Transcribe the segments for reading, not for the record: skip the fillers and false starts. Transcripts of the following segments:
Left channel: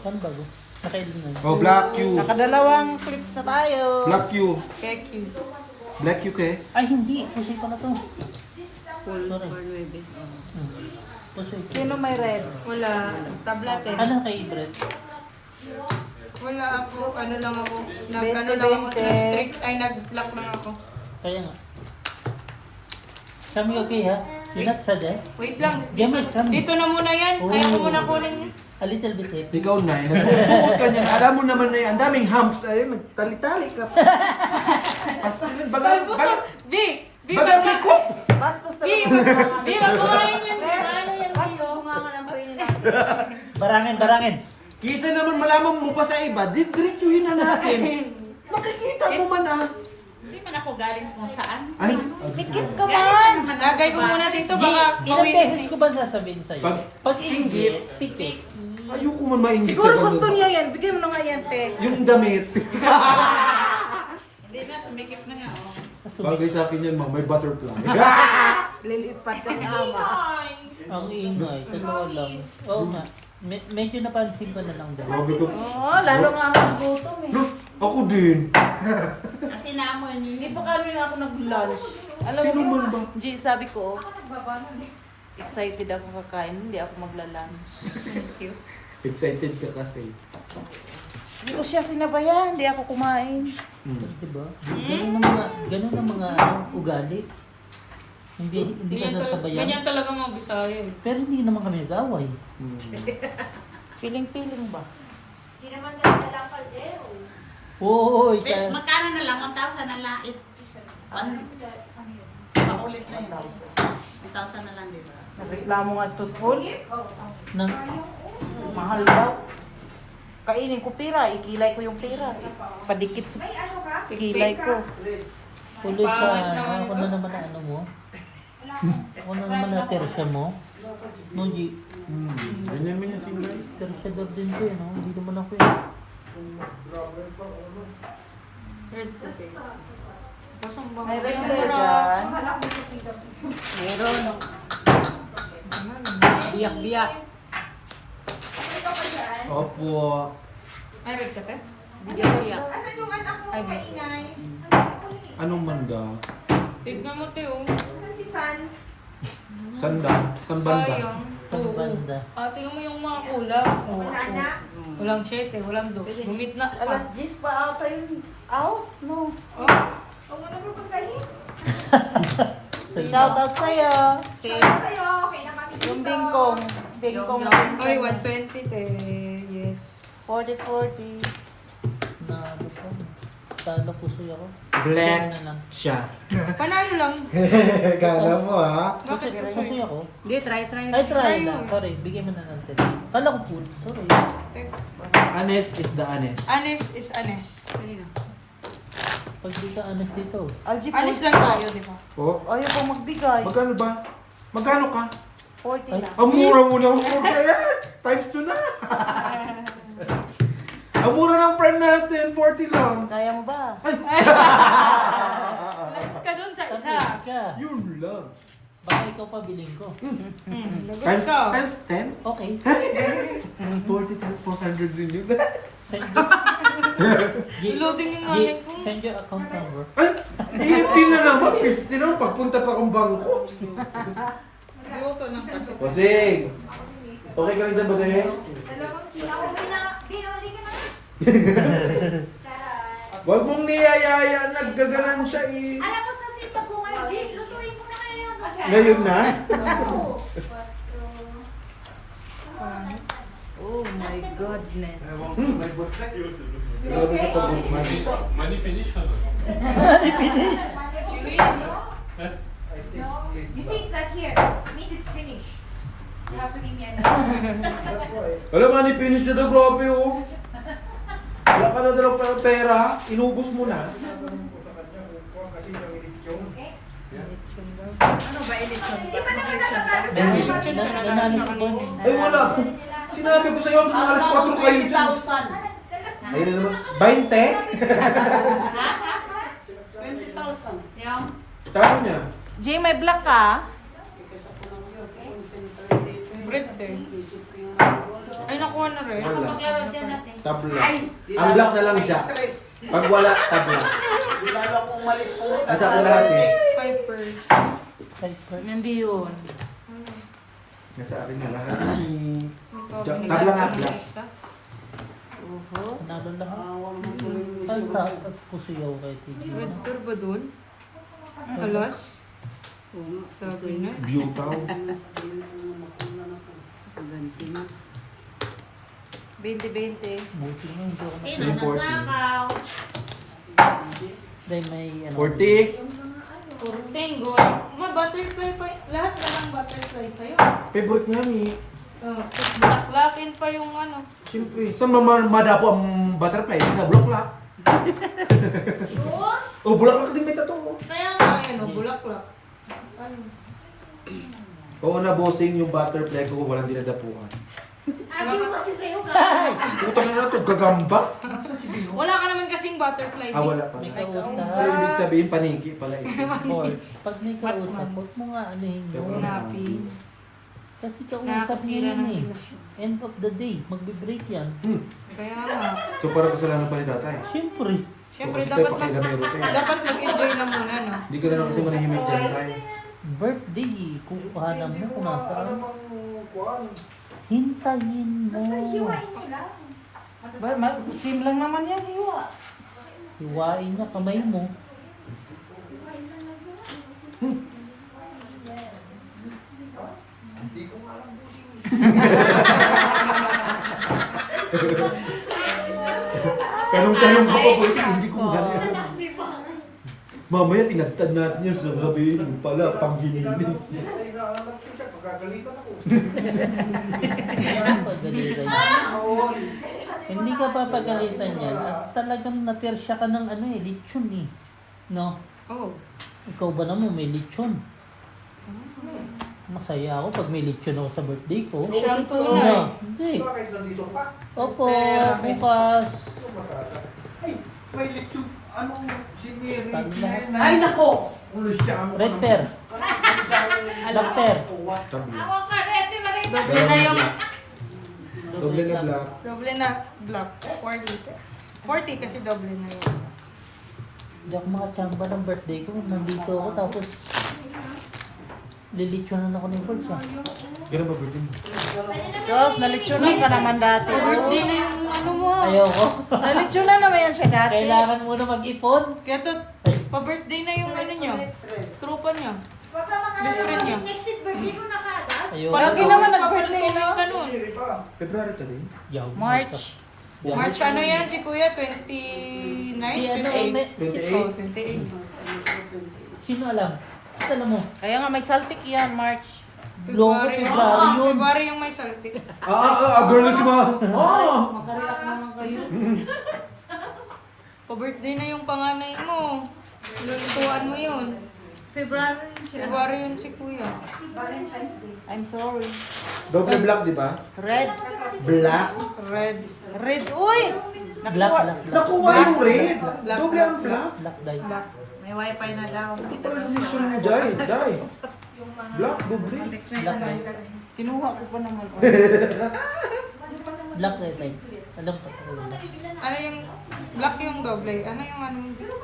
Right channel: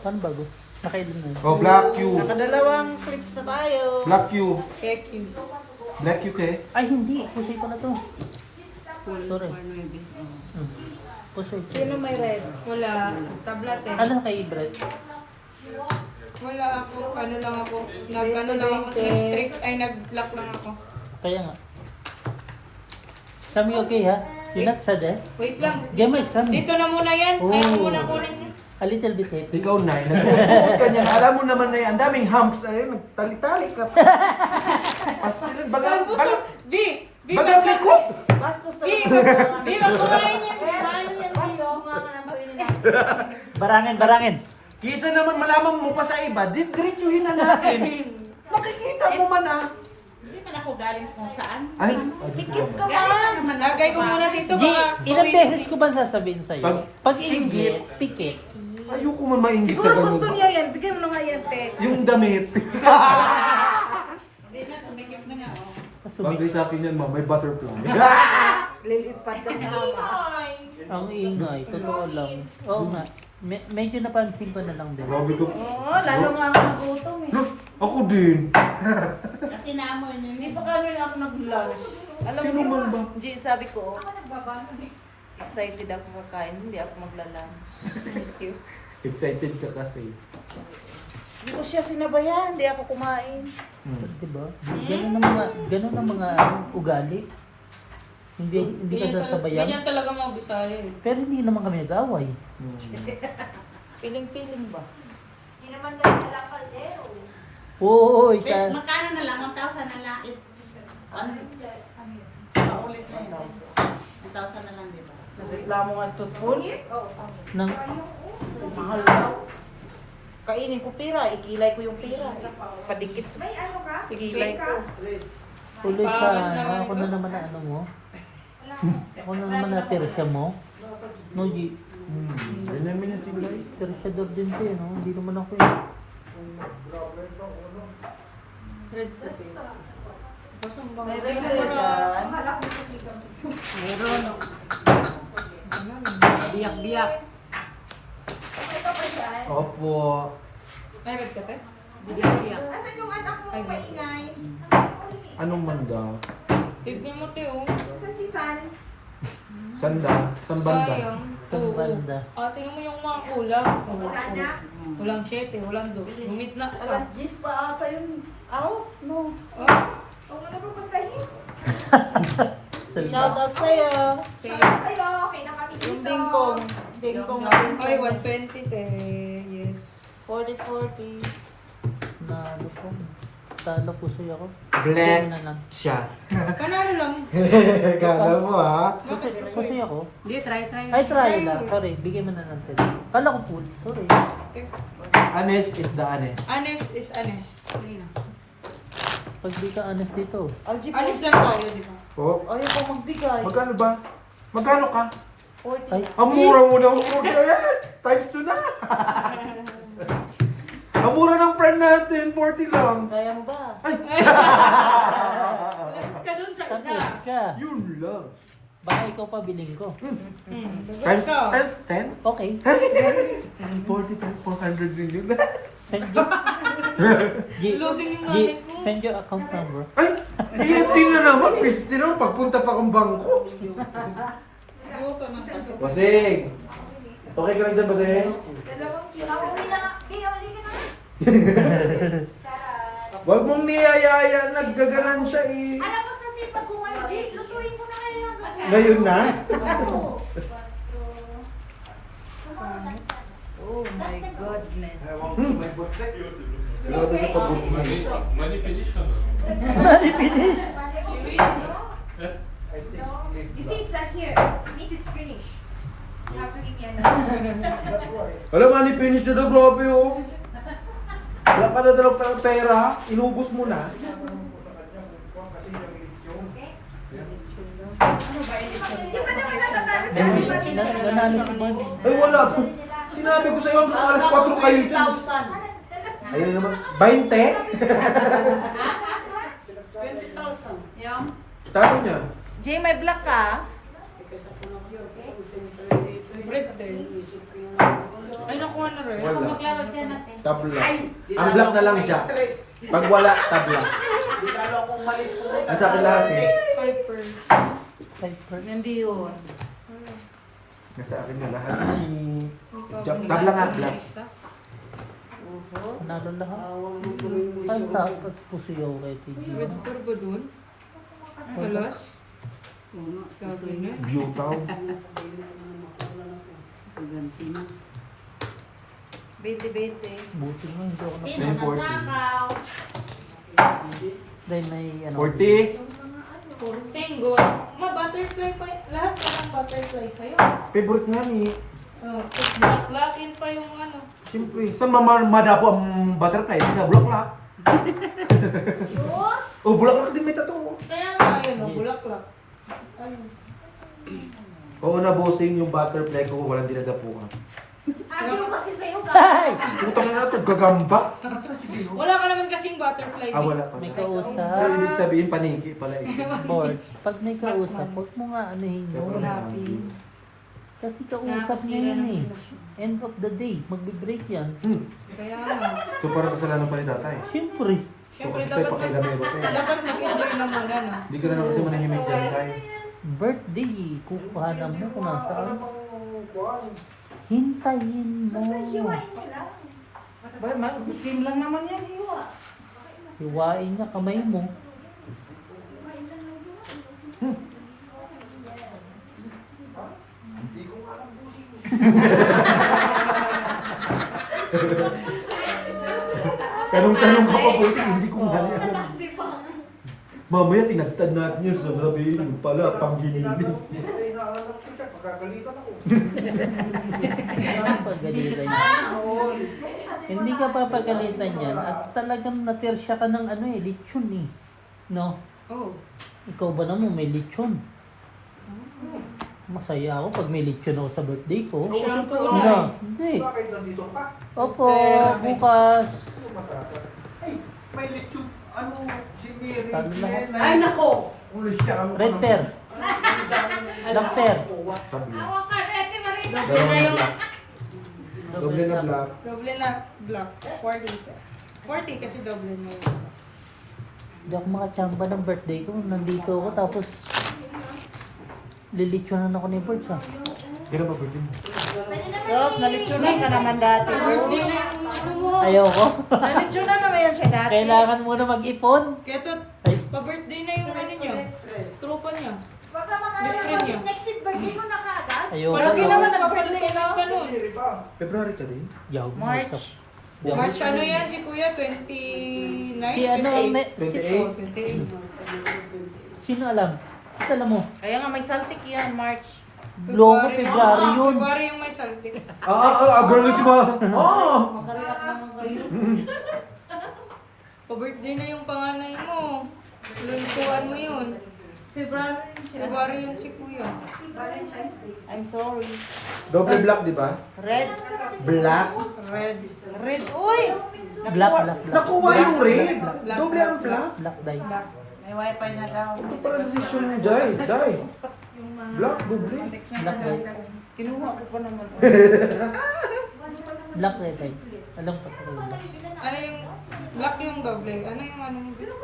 Paano bago? Nakailan na yun? Oh, Black Q. Nakadalawang clips na tayo. Black Q. Cake you. Black Q kay? Ay, hindi. Pusay pala to. Full Sorry. for maybe. Pusay. Sino may red? Wala. Tablet eh. Ano kay Brett? Wala ako, ano lang ako, nag, 20, ano lang ako, 20. nag-strict, ay nag-lock lang ako. Kaya nga. Kami okay ha? You're not sad eh? Wait lang, Game is coming. dito na muna yan, Oh. kaya ko muna kunin yan. A little bit eh. Ikaw na, nagsusuot ka niyan. Alam mo naman na yan, ang daming humps. Ay, nagtali-tali ka. Pastilin, baga, baga, Di, baga may cook. Basta sa di, magkuhain yan, ano yan, di, oh. Barangin. Kisa naman malaman mo pa sa iba, diretsuhin na natin. Makikita mo man ah. Hindi man ako galing sa kung saan. Ay, Tikit ka Galing man. naman Lagay ko muna dito, baka Ilang mawin. beses ko ba sasabihin sa'yo? Pag- Pag inggit, pikit. ayoko man maingit sa Siguro ganun. gusto niya yan. Bigyan mo na nga yan, te. Yung damit. Hindi na, sumikip na nga. Oh. Bagay sa akin yan, ma'am. May butterfly. Lilipat ka sa ama. Ang ingay, totoo lang. Oo nga. Medyo napansin ko na lang din. Grabe ko. Oo, lalo nga ako nagutom eh. No, ako din. Kasi naamoy niyo Hindi yun. pa kami na ako nag-lunch. Alam Sino man ba? G, sabi ko, excited ako kakain. Hindi ako magla-lunch. Thank you. Excited ka kasi. Hindi ko siya sinabayan. Hindi ako kumain. Diba? Ganun ang mga ugali. Hindi ka sasabayan. Ganyan talaga mga Bisaya eh. Pero hindi naman kami nag-away. Piling-piling ba? Oo, Magkano na lang? 1,000 na lang. Paulit na yun. 1,000 na lang, di ba? Nagreklamo nga sa food. nang Mahal daw. Kainin ko pira. Ikilay ko yung pira. Padikit sa ikilay ko. huli sa ano, ako na naman na ano mo. Ako na naman na tersya mo. No, G. Ganyan mo niya si guys. Tersyador din ko eh, no? Hindi naman ako eh. Red kasi. Basang bang. Meron mo yan. Meron. Biyak-biyak. Opo. Ay, red ka te? Biyak-biyak. Ay, Anong manda? tignan mo te oh. Sanda? San banda? Sayang. San Oo. banda? Tingnan mo yung mga kulang. Walang 7, walang 2. Gumit na pa. Alas 10 pa ata yung out. No. Oh. Shout out sa'yo. Yung bingkong. Bingkong na Ay, 120 te. Yes. 40-40. Na ano po. Talo puso ako. Black Na lang. siya. Panalo lang. Kala mo ha? Bakit? Susi ako. Hindi, try. Ay, try lang. Sorry, bigay mo na ng 10. Kala ko full. Sorry. Anes is the anes. Anes is anes. Pag di ka honest dito. Algie, Anes lang tayo, di ba? Oh, ayaw ko magbigay. magkano ba? Magkano ka? 40 Ay. na. Ang mura mo na. Times 2 na. Ang mura ng friend natin, 40 lang. Kayang ba? Ay, Lapit ka dun sa isa. Kasi siya. yun lang. Baka ikaw pa bilhin ko. Times, ka. times 10? Okay. 40 times 400 din yun. Send your... Loading yung namin ko. Send your account number. Ay, EFT na naman. Piste naman pagpunta pa kong bangko. Buto ng pansit. Basing! Okay ka lang dyan, Basing? Huwag mong niyayaya, naggaganan siya eh. Alam mo sa sipag ko ngayon, Jim, lutuin mo na kayo yung Ngayon na? Oh my goodness. Grabe sa pagbuti na. Money finish na ba? You see, it's not here. Meat is finished. Happening yan. Alam nga ni finish na daw, grabe oh. Wala ka na dalang pera, inubos mo na. Ano ba, elitsyon ba? Nanalo ko ba? Ay wala. Sinabi ko sa'yo, hanggang alas 4 kayo dyan. Ayun na naman. 20? 20,000. Yung? Talo niya. Jay, may black ka? Red te. Ay, nakuha na rin. Wala. Maglaro dyan natin. Tabla. Ang black na lang Jack. Pag wala, tabla. Nasa akin lahat eh. 5 Hindi yun. Nasa akin na lahat. Jack, tabla nga black. Panalo lahat. Ang taas at pusiyaw kay TG. Red tour ba dun? Alas? Sabi na. Beautaw. Ganti na. 20-20. Buti mo, hindi ako Sino May 40. nagnakaw? Dahil may ano. 40. Tengo. Butterfly pa. Lahat na ng butterfly sa'yo. Favorite nga ni. Lakin pa yung ano. Siyempre. Saan madapo ang butterfly? Sa bulaklak. Sure? Oh, bulaklak din may tattoo. Kaya nga, yun, bulaklak. Ano? Oo na bossing yung butterfly ko walang dinadapuan. Ayaw kasi sa'yo, Ay! Putang na ito, gagamba. Wala ka naman kasing butterfly. Ah, wala pa. May So, kausap. ibig sabihin paniki pala ito. Paul, pag may kausap, huwag mo nga anuhin yun. Napi. Kasi kausap niya yun eh. End of the day, magbe-break yan. Kaya nga. So parang kasalanan pa ni tatay. Siyempre. Siyempre, So, kasi dapat pakilamero tayo. dapat mag-enjoy na muna, no? Hindi ka na kasi manahimik ka tayo. Birthday, kukuhanan mo kung nasaan. Hintayin mo. Sim lang naman yan, hiwa. Hiwain niya kamay mo. Tanong-tanong ka pa po, hindi ko nga yan. Mamaya tinagtad natin yun, sabihin mo pala, panghinilig. Pagalitan yan. Hindi ka papagalitan yan at talagang natirsya ka ng ano eh, lechon eh. No? Oh. Ikaw ba naman may lechon? Masaya ako pag may lechon ako sa birthday ko. Siyang No, tunay. hindi. Opo, bukas. May lechon, ano, siniri. Talo lahat. Ay, nako! Red pear. Black pear. Tabla. Doble na yung... Doble na black. Doble na black. 40. 40 kasi doble na yun. Hindi ako makachamba ng birthday ko. Nandito ako tapos lilitsunan ako ni Birds ah. Ganun ba birthday mo? Sos, nalitsunan ka naman dati. Birthday na yung ano mo. Ayaw ko. Nalitsunan naman yan siya dati. Kailangan muna mag-ipon. Kaya to, pa-birthday na yung ano niya. Tropa niya. Pagka next week birthday mo na kaagad. Ayaw Palagi ko. naman nag-birthday na ka nun. February ka rin? Yaw, March. Yaw. March ano yan si Kuya? 29? Si ano, 28? 28. sino alam? Sino alam mo? Kaya nga may saltik yan, March. Loko, February yun. February yung may saltik. Girl na si Ma. Pa-birthday na yung panganay mo. Lulutuan mo yun. February siya. February yun si Kuya. I'm sorry. Doble black, di ba? Red. Black? Red. Red. Uy! Black, black, black. Nakuha yung red. Black, black, Doble ang black. Black dye. May wifi na daw. Hindi pa rin decision mo, Jai. Jai. Black, doble. Black dye. Kinuha ko pa naman. Black dye. Alam ko pa rin black. Ano yung black yung doble? Ano yung ano?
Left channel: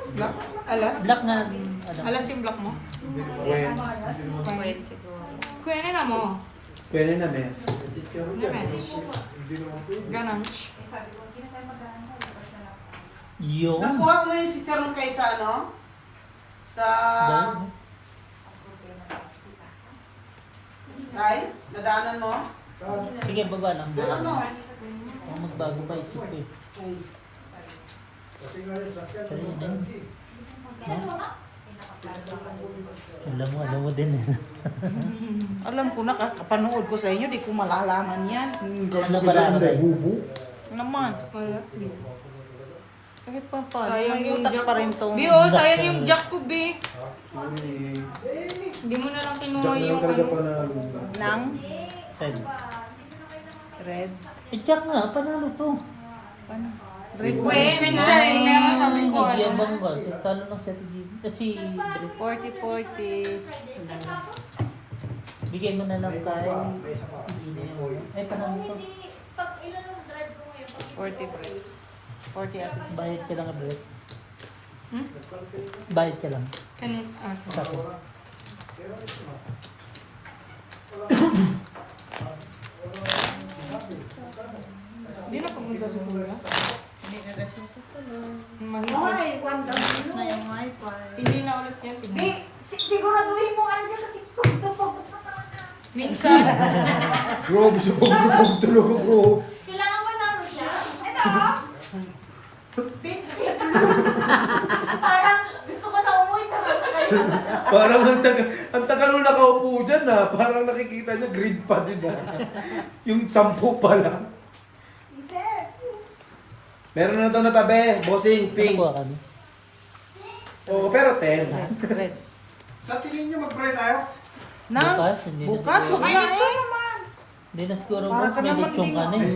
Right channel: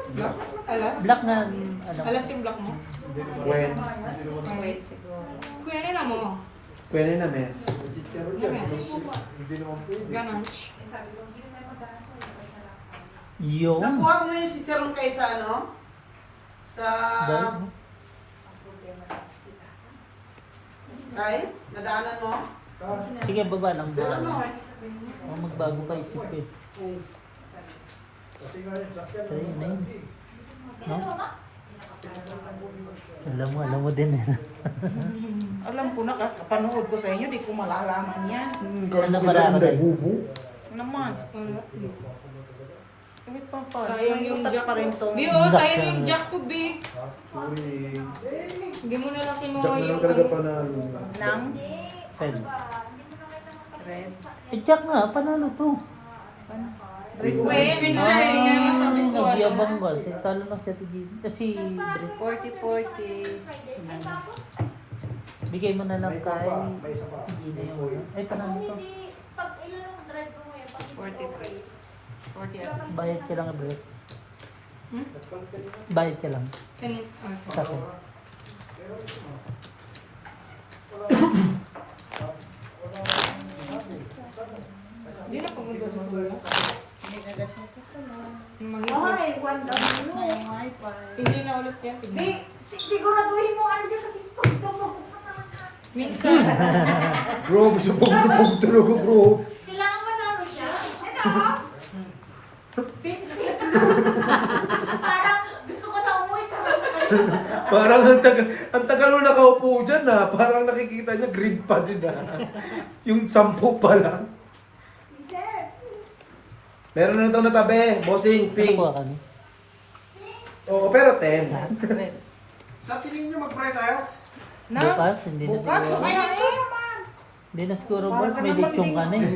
Black? Alas? Black na, ano. Alas yung black mo? When? Wait, siguro. Kuya na mo. Pwede na, mes. Ganun. Yun. Nakuha mo yung si Charong kaysa ano? Sa... Dahil, Kay? Nadaanan mo? sige, baba lang. Sa Baba ano? lang. Baka magbago pa isip ko eh. Pero yun na yun. No? Alam mo din eh. Alam ko na, kapanood ko sa inyo, di ko malalaman yan. Ano ba lang tayo? Bubu. Naman. Wala. Kahit pa pa. Sayang May yung utak jack pa rin to. Bi, oh, sayang yung jack ko, Bi. Sorry. Hindi mo na lang kinuha Jack na lang yung talaga ano. panalo. Nang Red. red. Eh, Jack nga, panalo to. Red. Pinsa eh, kaya nga sabi ko ano. Nagyabang ba? Talo ng set kasi Brett. 40-40. Bigay mo na lang kay hindi na yung ay panalo to. Pag ilan ang drive ko ngayon? Pag 43. 40. Bayad ka lang, Brett. Hmm? Bayad ka lang. Kanin, Sa akin. Hindi na pumunta sa kuya. Hindi na daw siya tutulog. Ay, wanda Tapos na mo. yung wifi. Hindi na ulit yan. Di, siguraduhin mo ano dyan kasi pagod ka talaga. Minsan. Bro, gusto ko talaga, bro. Kailangan mo na ano siya. Ito, parang gusto ko na umuwi talaga kayo. Parang ang tagal mo nakaupo dyan na. Parang nakikita niya green pa din na. Yung 10 pa lang. Isip. Meron na ito na tabi, bossing, pink. Nakuha ka na. Oo, pero 10. Red. Sa tingin nyo mag-pray tayo? Na? Bukas, hindi na Bukas, siguro. may litso naman. Hindi na siguro, Brett. May lechong ka na eh.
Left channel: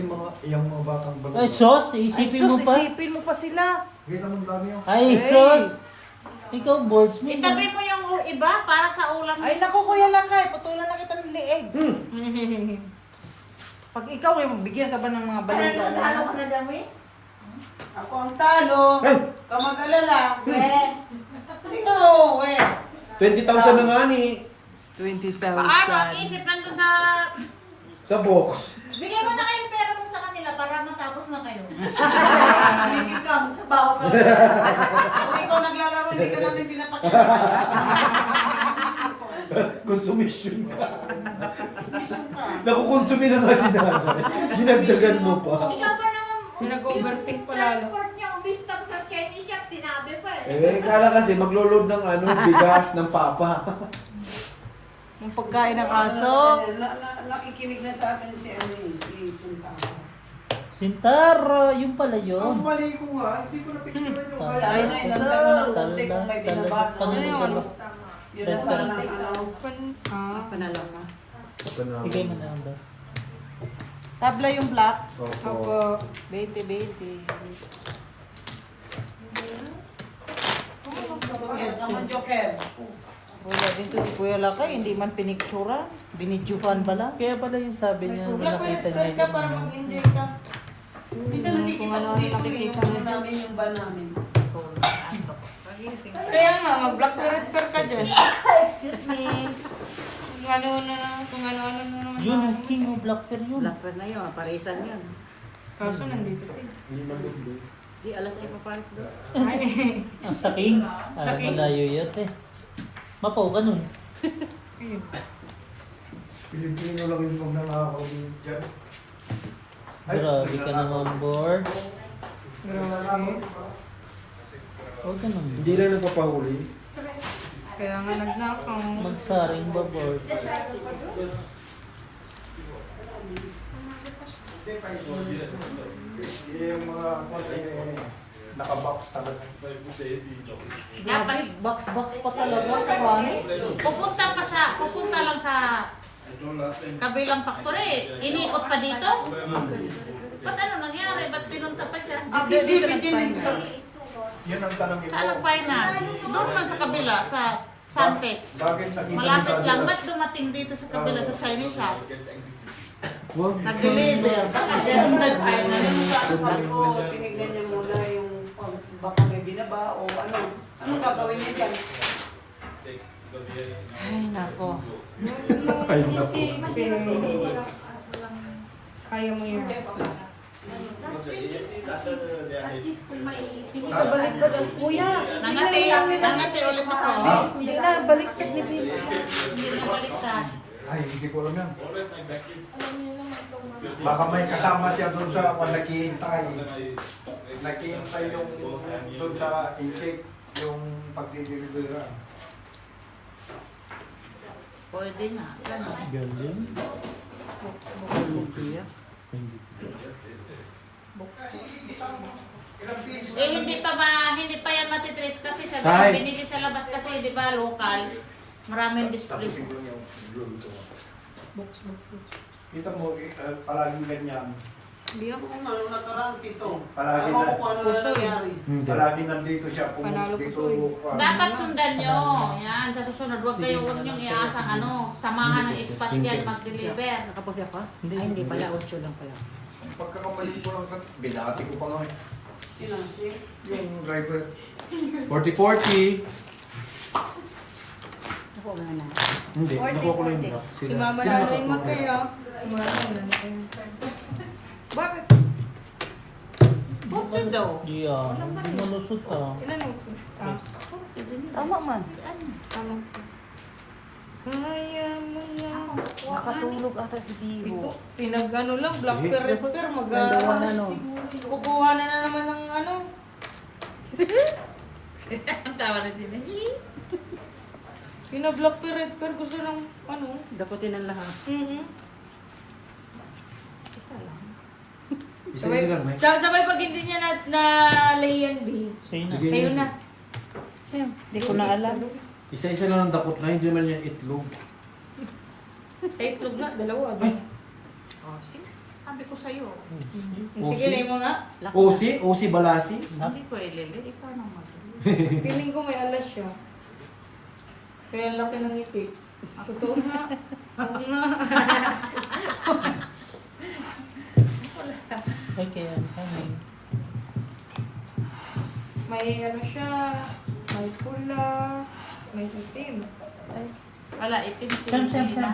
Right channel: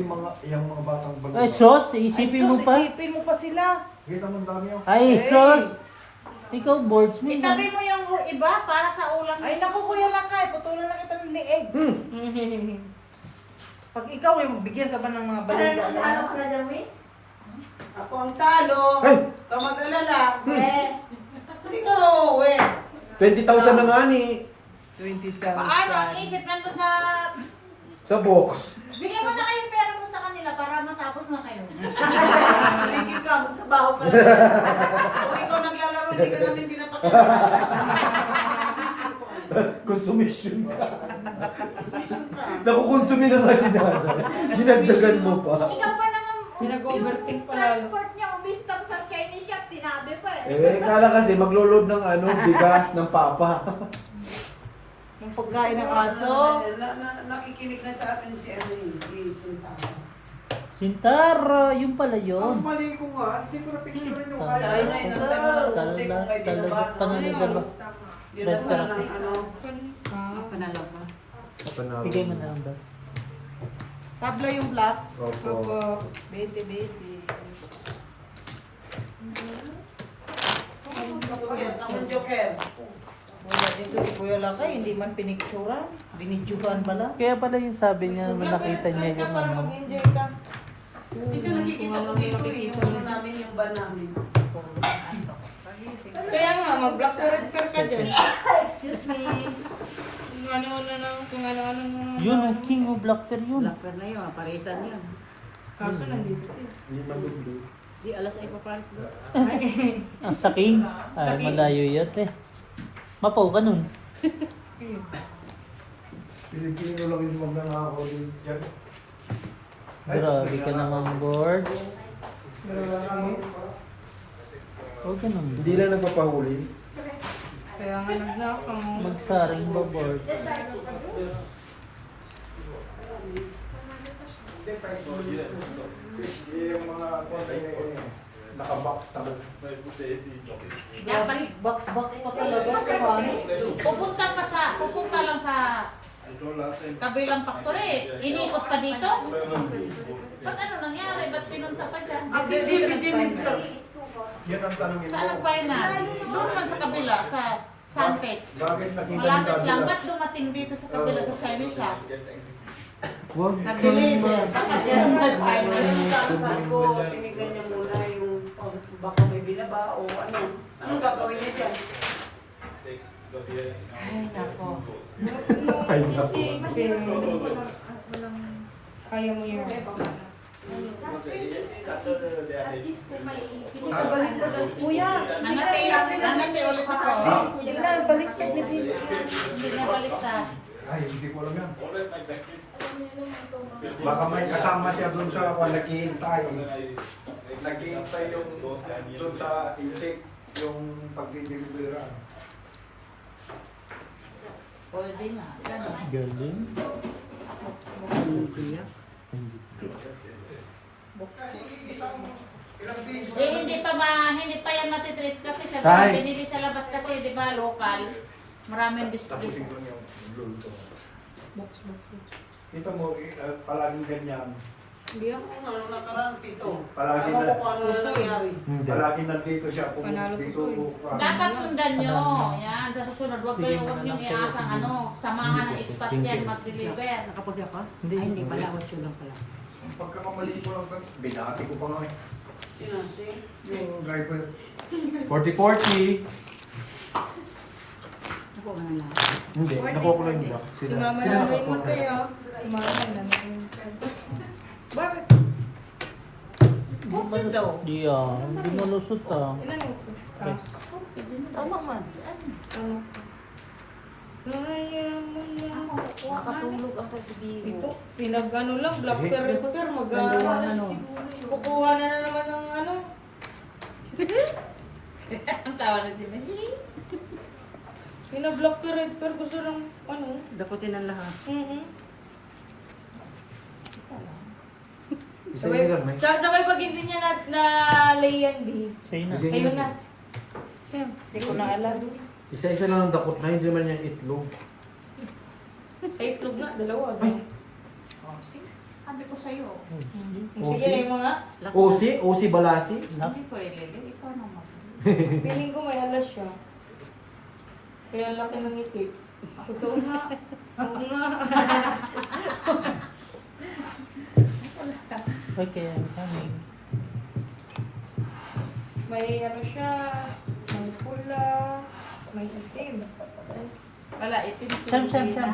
Yung mga batang bago. Ay, sos, isipin mo pa. Isipin mo pa sila. Kita mo ang dami yung... Ay, sos! Ikaw, boards mo. Itabi mo yung iba para sa ulam. Ay, naku, Kuya Lakay, putulan na kita ng liig. Pag ikaw ay magbigyan ka ba ng mga balita? Ano ka na dyan, Wi? Ako ang talo. Ay! Ka mag-alala. Ikaw, we. 20,000 na nga ni. 20,000. Paano ang isip nandun sa... Sa box. Bigyan mo na kayong pera mo sa kanila para matapos na kayo. Hindi ka, magtrabaho ka. Kung ikaw naglalaro, hindi ka namin pinapakita. Consumption ka. Nakukonsumi na nga si Nana. Dinagdagan mo pa. Ikaw ba naman, Pinag-overthink pa lalo. transport niya, umistap sa Chinese shop, sinabi pa eh. Kala kasi maglulod ng bigas ng papa. Yung pagkain ng aso. Nakikinig na sa akin si ano yun, si Suntara. Sintaro, yung pala Ang yun. mali ko nga, hindi ko na-picture yung Ay, kaya. Talaga, dalawa. Yun na sana ng ano. Panalo ka. Bigay mo na lang daw. Tabla yung black. Opo. 20. Joker, naman Joker. Wala dito si Kuya Lakay, hindi man piniktura. Binidyohan pa lang. Kaya pala yung sabi niya, nung nakita niya ka yung para ano. mag-enjoy ka. Kasi nakikita ko dito yung ano namin yung ba namin. Kaya nga, mag-black corrector ka dyan. Excuse me. Kung ano-ano na naman. Yun, ang king of blackper yun. Blacker na yun, parisan yun. Kaso nandito eh. Di alas ay paparis doon. Ang sa king. Malayo yun eh. Mapaw ka nun. Pilipino lang yung mga nakakaw din dyan. Grabe ka naman, board. Huwag ka naman. Hindi lang nagpapahuli. Kaya nga nagnakaw. Magsaring ba, board? Yung mga nakabox talaga. Dapat box pa talaga. Pupunta lang sa kabilang factory. Inikot pa dito. Ba't ano nangyari? Ba't pinunta pa dyan? Yan ang tanong Saan nag-final? Doon lang sa kabila, sa Sunset. Malapit lang. Ba't dumating dito sa kabila sa Chinese shop? Wag. Nag-deliver. Baka din nag-final. Sabi ko, tinignan niya muna yung baka may binaba o ano. Anong gagawin niya dyan? Ay, nako. Ay, naku. Kaya mo yun. Kuya, Nangati ulit ako. hindi na, baliktad ni Bibi. Hindi na baliktad. Ay, hindi ko alam yan. Baka may kasama siya doon sa naghihintay. Naghihintay yung doon sa intake, yung pagdideliveran. Pwede na. Galing. Hindi pa yan matitrace kasi sa Tay. binili sa labas kasi, di ba, local. Maraming display. Kita mo, palaging ganyan. Hindi ako. Ano nakaraan dito? Palagi Ako na, kung ano Puso eh. nangyari. palagi nandito siya. Panalo ko Dito, po Dapat sundan nyo. Yan, sa susunod, huwag nyo iasang samahan ng expat yan mag-deliver. Nakaposi ako? Hindi. Ay, hindi pala. 8 lang pala. pagkakapalit ko lang, binati ko pa nga eh. Sino? Yung driver. 40-40. Ako mo na. Hindi, nakuha ko lang yung black. Si Mama Sila Naling mo nakakuha. kayo. Si Mama Naling. Bakit? Okay daw. Di hindi mo lusot ah. Ilan mo? Ah, Ano man? ano? Kaya mo na. Nakatulog ata si Dio. Ito, pinag-ano lang, black pepper, Nandawa na, no? kukuha na naman ng ano. Ang tawa na din. Pinag-black pepper, gusto ng ano. Dakutin ang lahat. Isa lang. Isa-isa lang, Mike. Sabay pag hindi niya na lay yan, B. Sa'yo na. Bigyan Sa'yo niyo na. Siyem. Hindi ko na alam. Isa-isa lang ang dakot na, hindi naman yung itlog. Sa itlog nga, dalawa. Ba? Oh, sige. Sabi ko sa'yo. Sige na yung mga. Osi, balasi. Hindi ko ilili. Ikaw naman. Feeling ko may alas siya. Kaya ang laki ng ngiti. Totoo nga. Oo nga. Okay, I'm coming. May ano siya. May pula. May itim. Wala, itim si Siyam, siyam, Lina.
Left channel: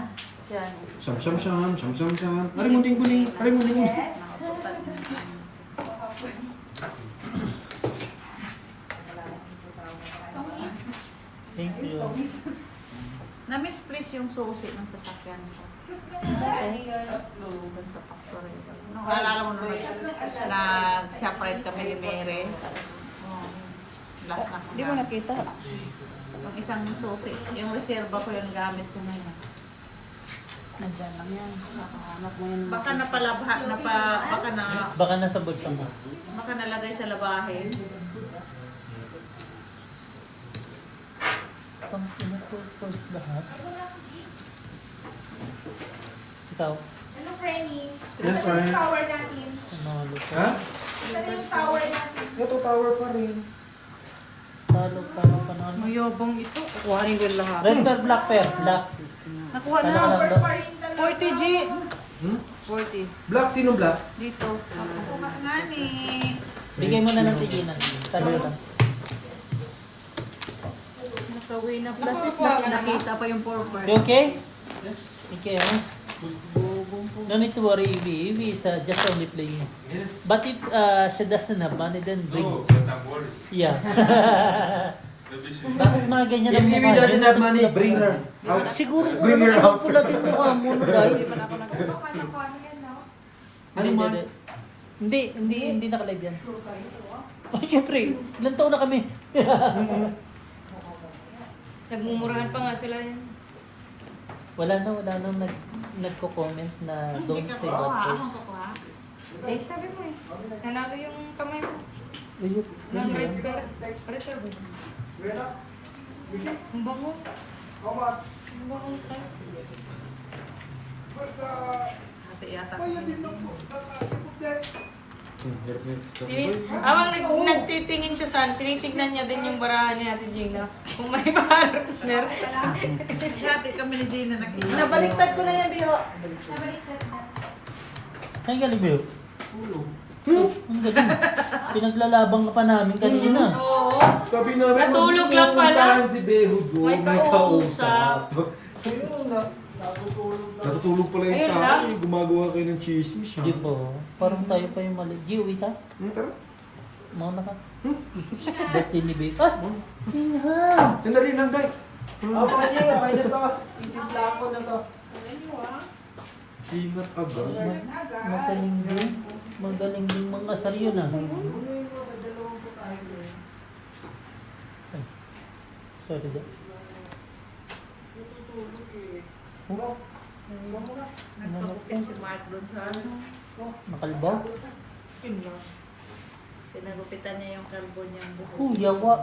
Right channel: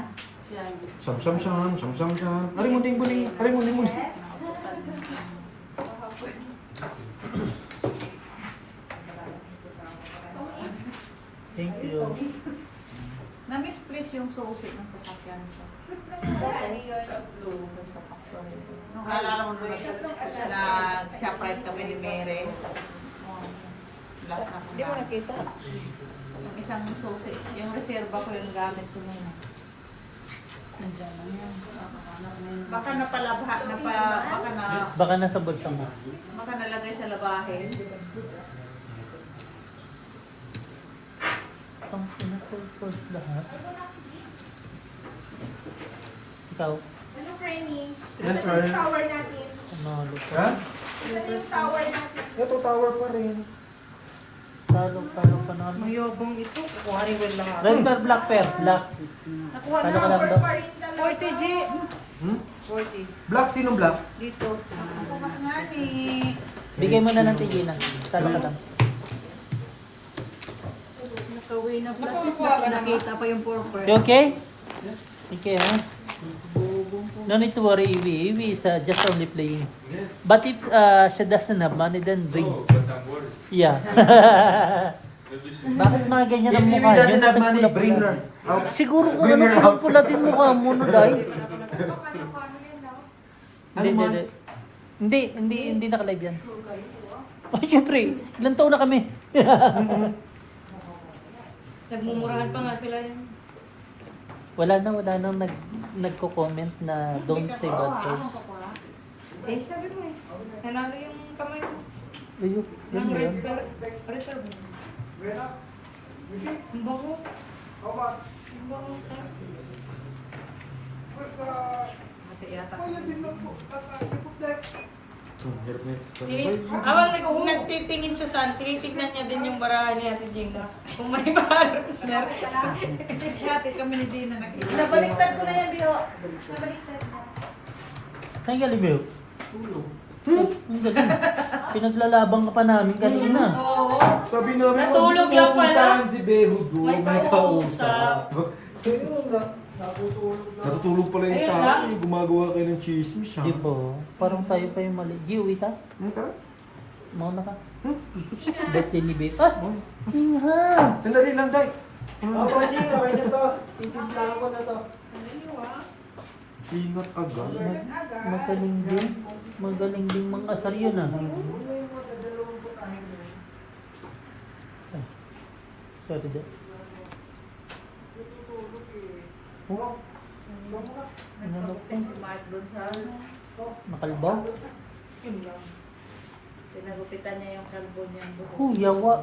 siyam. Siyam. Ari mo ding buning. Thank you. Na-misplace yung susi ng sasakyan ko. Doon sa factory. Nung alala mo naman, nag-shoprite kami ni Mary. Last na kong Hindi mo nakita. Yung isang susi, yung reserva ko yung gamit ko ngayon. Nandiyan lang yan. Nakahanap mo yun. Baka napalabha, Baka nasa bulsa mo. baka nalagay sa labahin. Pang pinapulpos lahat. Ikaw, Ano, Frenny? Yes, Ito yung tower natin. panalo Ha? ka. Ito yung tower natin. Ito tower pa rin. Talo, panalo. Mayabang ito. Kuhanin ko lahat. Red pear, black pear, black. Nakuha Talo na. ka lang daw. 40 G. Hmm? 40. Black, sino black? Dito. Kuha nga ni... Bigay mo na ng tigilan. Talo ka lang. Nakawin na plus is Nakuha ka na, nakita pa yung purpose. You okay? Okay, huh? No need to worry, Evie. Evie is just only playing. But if she doesn't have money, then bring. Yeah. Bakit mga ganyan ang If mukha Ivy doesn't niya? have money, bring her out. Siguro kung Bring ano her kung out. pula din mukha mo, no, dahil. Ano man? Hindi nakalive yan. Oh, siyempre, ilang taon na kami. Nagmumurahan pa nga sila yan. wala na nagko-comment na don't say bad Ako words. kukuha. Eh, sabi mo eh. Nanalo yung kamay mo. Ayun, yun Ng ba red yun? pear. Pressure ba? Ang bango. Ang bango. Ate yata. Hirap niya. Habang nagtitingin siya saan, tinitignan niya din yung barahan ni Ate Gina. Kung may partner. Dati kami ni Gina nakita. Nabaliktad ko na yan, Bio. Saan galing mo? Ang galing. Pinaglalabang ka pa namin kanina. Oo. Sabi namin, Natulog lang pala. pupuntahan si Beho doon. May kausap. Natutulog pala yung Ayun tao. lang. Gumagawa kayo ng chismis. Di ba? Parang tayo pa yung mali. Gio, ita? Tara. Mauna ka. Birthday ni Babe. Ah! Siha! Sandali lang, Day. Ako kasi, okay na to. Itimpla ako na to. Ingat agad. Magaling din. Magaling din mga asar yun ah. Ay. Sorry, Dad. Oh. Ano pa? Si Mark doon sa Nakalbaw? pinagupitan niya yung kalbo niya. Yawa.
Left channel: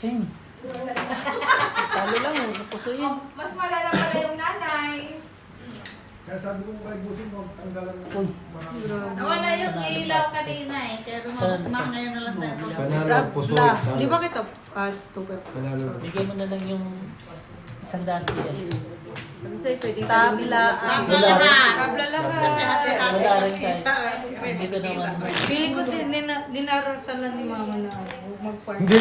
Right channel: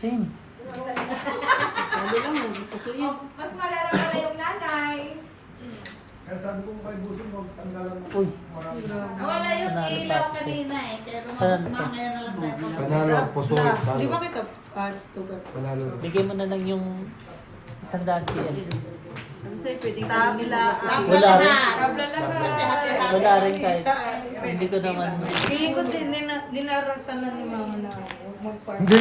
Same. Talo lang oh, napuso yun. Mas malala pala yung nanay. Kaya sabi kong by busin mo, tanggalan mo. Uy. Nawala yung ilaw kanina eh. Kaya lumabas na ngayon na lang tayo. Panalo, puso. Di ba kita? Tugar. Panalo. Bigyan mo na lang yung 100 siya. Sabi sa'yo, pwedeng salunin mo. Tabla lahat. Kabla lahat. Kasi hati-hati. Wala rin kahit. Hindi ko naman. Feeling ko din, dinarasalan ni mama na mag-party. Hindi,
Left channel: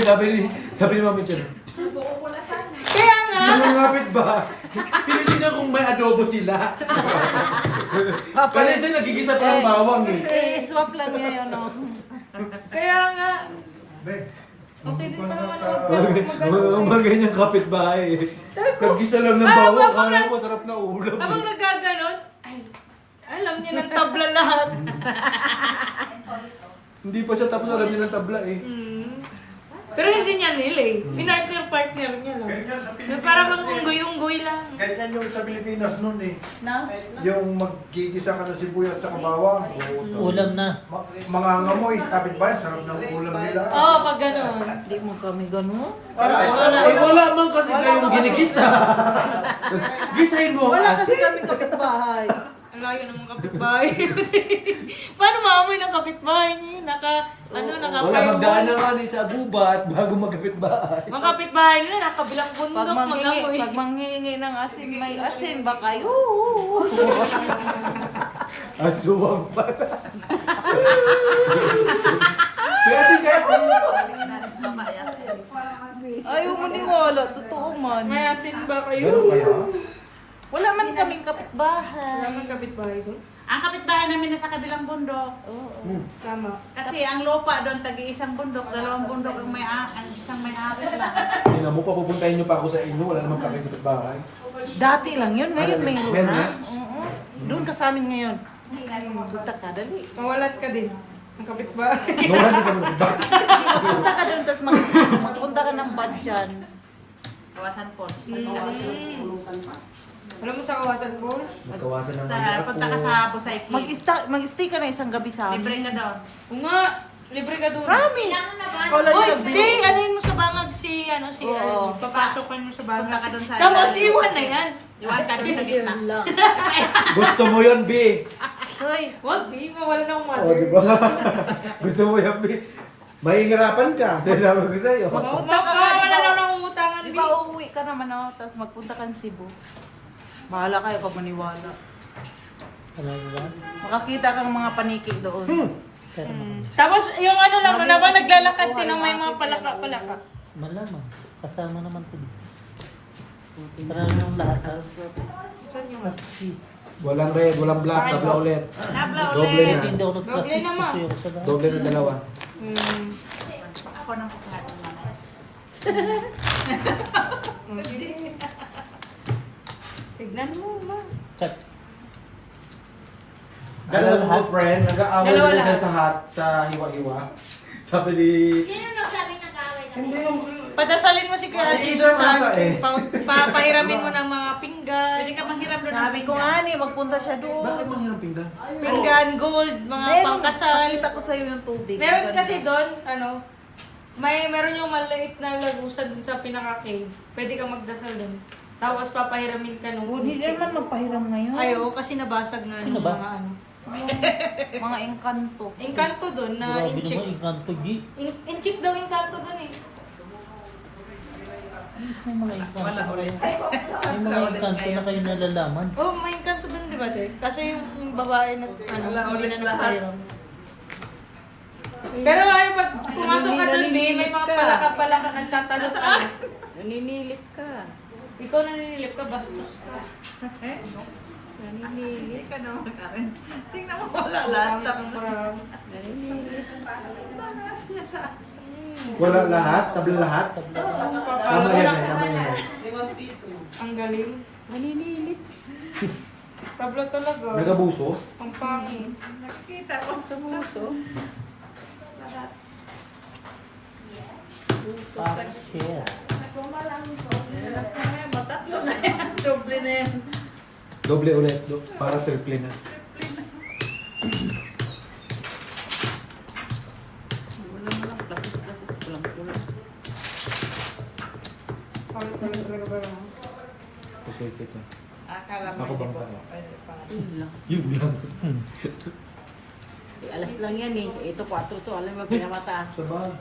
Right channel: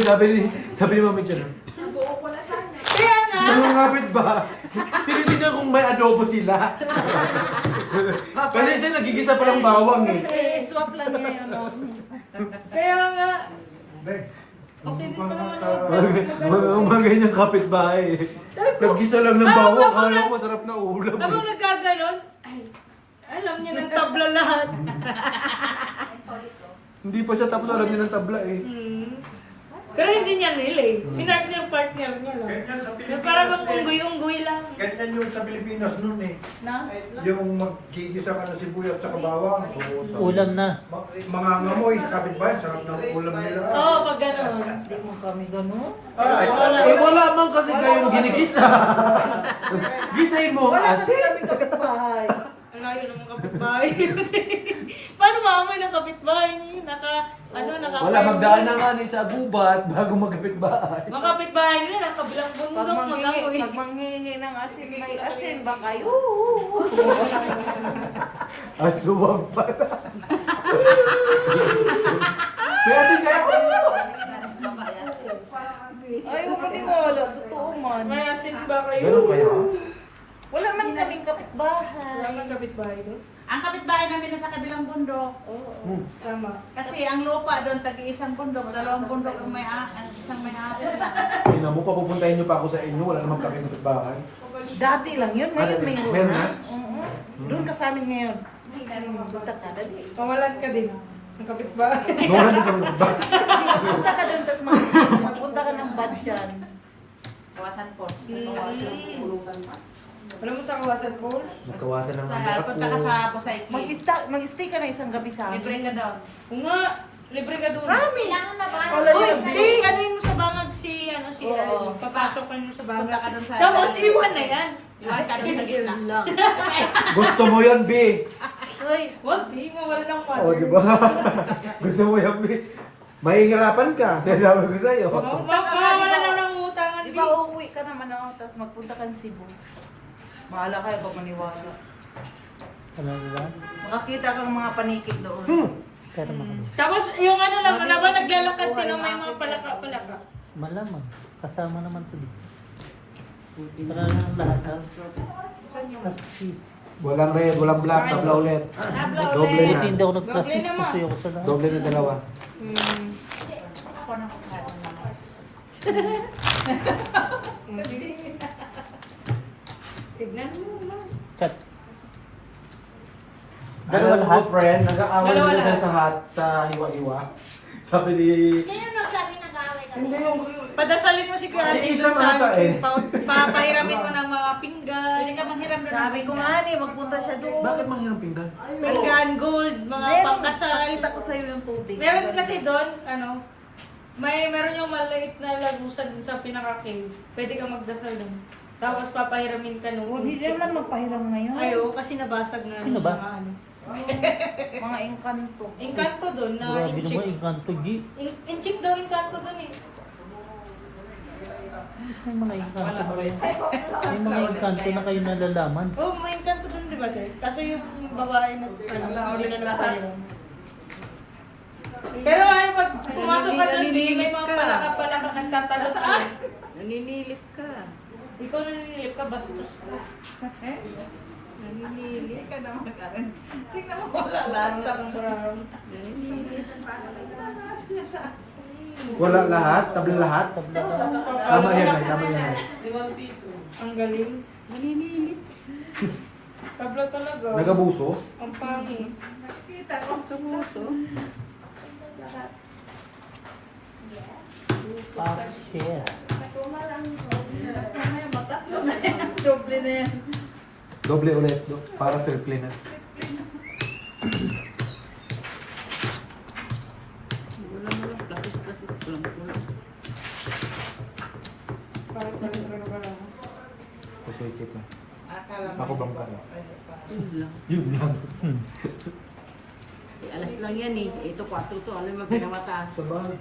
sabi ni Mami Chan. Kaya nga! Nangungapit ba? Tinitingnan kung may adobo sila. Kasi siya nagigisa pa ng bawang eh. I-swap lang niya yun, no? Kaya nga! Beg, Okay din mukhang naman nasa... Mga ganyang kapitbahay. Nagisa lang ng bawang, kala ko masarap na ulam. Abang nagkaganon, ay, alam niya ng tabla lahat. Hindi pa siya tapos alam niya ng tabla eh. Pero hindi niya nili. Partner niya lang. Na parang unggoy-unggoy lang. Ganyan yung sa Pilipinas nun eh. No? Yung maggigisa ka ng sibuyat sa kabawang. Ulam na. Mga ngamoy, kapit ba? Sarap ng ulam nila. Oo, pag gano'n. Hindi mo kami ganun. Eh wala man kasi kayong ginigisa. Gisahin mo ang Wala kasi asin. kami kapitbahay. Ang layo ng mga kapitbahay. Paano maamoy ng kapitbahay niya? Naka Wala, magdaan na nga ni sa gubat bago magkapitbahay. Mga kapitbahay nila, nakabilang bundok, mag-amoy. Pag manghingi ng asin, may asin ba kayo? Asuwag pala. May asin kayo. Ayaw mo niwala, totoo man. May asin ba kayo? Ganun kaya? Wala man kaming kapitbahay. Wala mga kapitbahay doon? Ang kapitbahay namin nasa kabilang bundok. Tama. Kasi ang lupa doon, tagi-isang bundok, dalawang bundok ang isang may-ari lang. Tingnan mo, papupuntahin niyo pa ako sa inyo, wala namang kapitbahay. Dati lang yun, ngayon may lupa. Meron na? Oo. Doon ka sa amin ngayon. Punta ka, dali. Mawalan ka din. Ang kapitbahay. Noran din kami kapitbahay. Punta ka doon, tapos punta ka ng Badjan. Kawasan Falls. Alam mo sa Kawasan Falls? Nagkawasan ng Punta ka sa Bosay Cave. Mag-stay ka na isang gabi sa amin. Libre ka daw. Oo nga. Libre ka doon. Kailangan na ba? Uy, hindi. Anuhin mo sa bangag si, Oo. papasok ka niyo sa bangag. Punta ka doon sa... Tapos iwan na yan. Iwan ka doon sa gitna. Gusto mo yan, B. Hoy, Huwag, di. Mawala ng water. O, di ba? Gusto mo yan, B. Mahihirapan ka. Sabi ko sa'yo. Mawala na ng utangan, di di. ba uuwi ka naman ako, tapos magpunta ka ng Cebu. Mahala kayo pag maniwala. Alam mo ba? Makakita kang mga panikig doon. Pero Tapos yung ano lang, na ba naglalakad din ng may mga palaka-palaka? malamang. Kasama naman to dito. Para yung lahat. Saan yung? Kasi Walang red, walang black, tabla ulit. Tabla Doble ulit. na. hindi ako Doble nag-assist naman. kasi ako sa lahat. Doble na dalawa. Ako nang kukuha naman. Tignan mo na. Chat. Dalawa Dalawa lahat? friend, nag-aaway Dalawa nila lahat. sa sa hiwa-hiwa. Sabi ni... Sino nagsabi nag-aaway kami? Hindi yung... Padasalin mo si Kuya Ay, Jim isa sa mata eh. papahiramin mo ng mga pinggan. Pwede ka manghiram doon ng Sabi ko nga ni, magpunta siya doon. Bakit mang hirang pinggan? Pinggan, gold, mga pangkasal. Nakita ko sa'yo yung tubig. Meron kasi doon, meron yung maliit na lagusan dun sa pinaka-cave. Pwede kang magdasal doon. Tapos papahiramin ka nung Hindi naman magpahiram ngayon. Ay, oo, kasi nabasag nga Sino nung ba? mga Mga engkanto. Engkanto doon na Grabe inchik. naman, inkanto. Inchik daw engkanto doon eh. May mga inkanto na kayo. May mga inkanto na kayo nalalaman. Oh, may engkanto doon, di ba, Tek? Kasi yung babae na, hindi na nagpahiram. Pero pag pumasok ka doon, may mga palaka-palaka ang tatalot ka. Naninilip ka. Ikaw naninilip ka, bastos ka. Naninilip ka daw. Tingnan mo wala lahat. Naninilip. Wala lahat, tabla lahat. Tabla. Tama yan eh, tama yan eh. Ang galing. Naninilip. Tabla talaga. Nagabuso? Ang pangit. Nakita ko sa muso. Share. Matatlo na yan. Doble na yan. Doble ulit, para triple na. Wala mo lang plasis kulang-kulang. Parang talaga. Pusoy kita. Akala mo. Ako bang kaya? Yun lang. Yun lang. Alas lang yan eh. Ito 4 to. Alam mo, pinamataas. Sa bagay.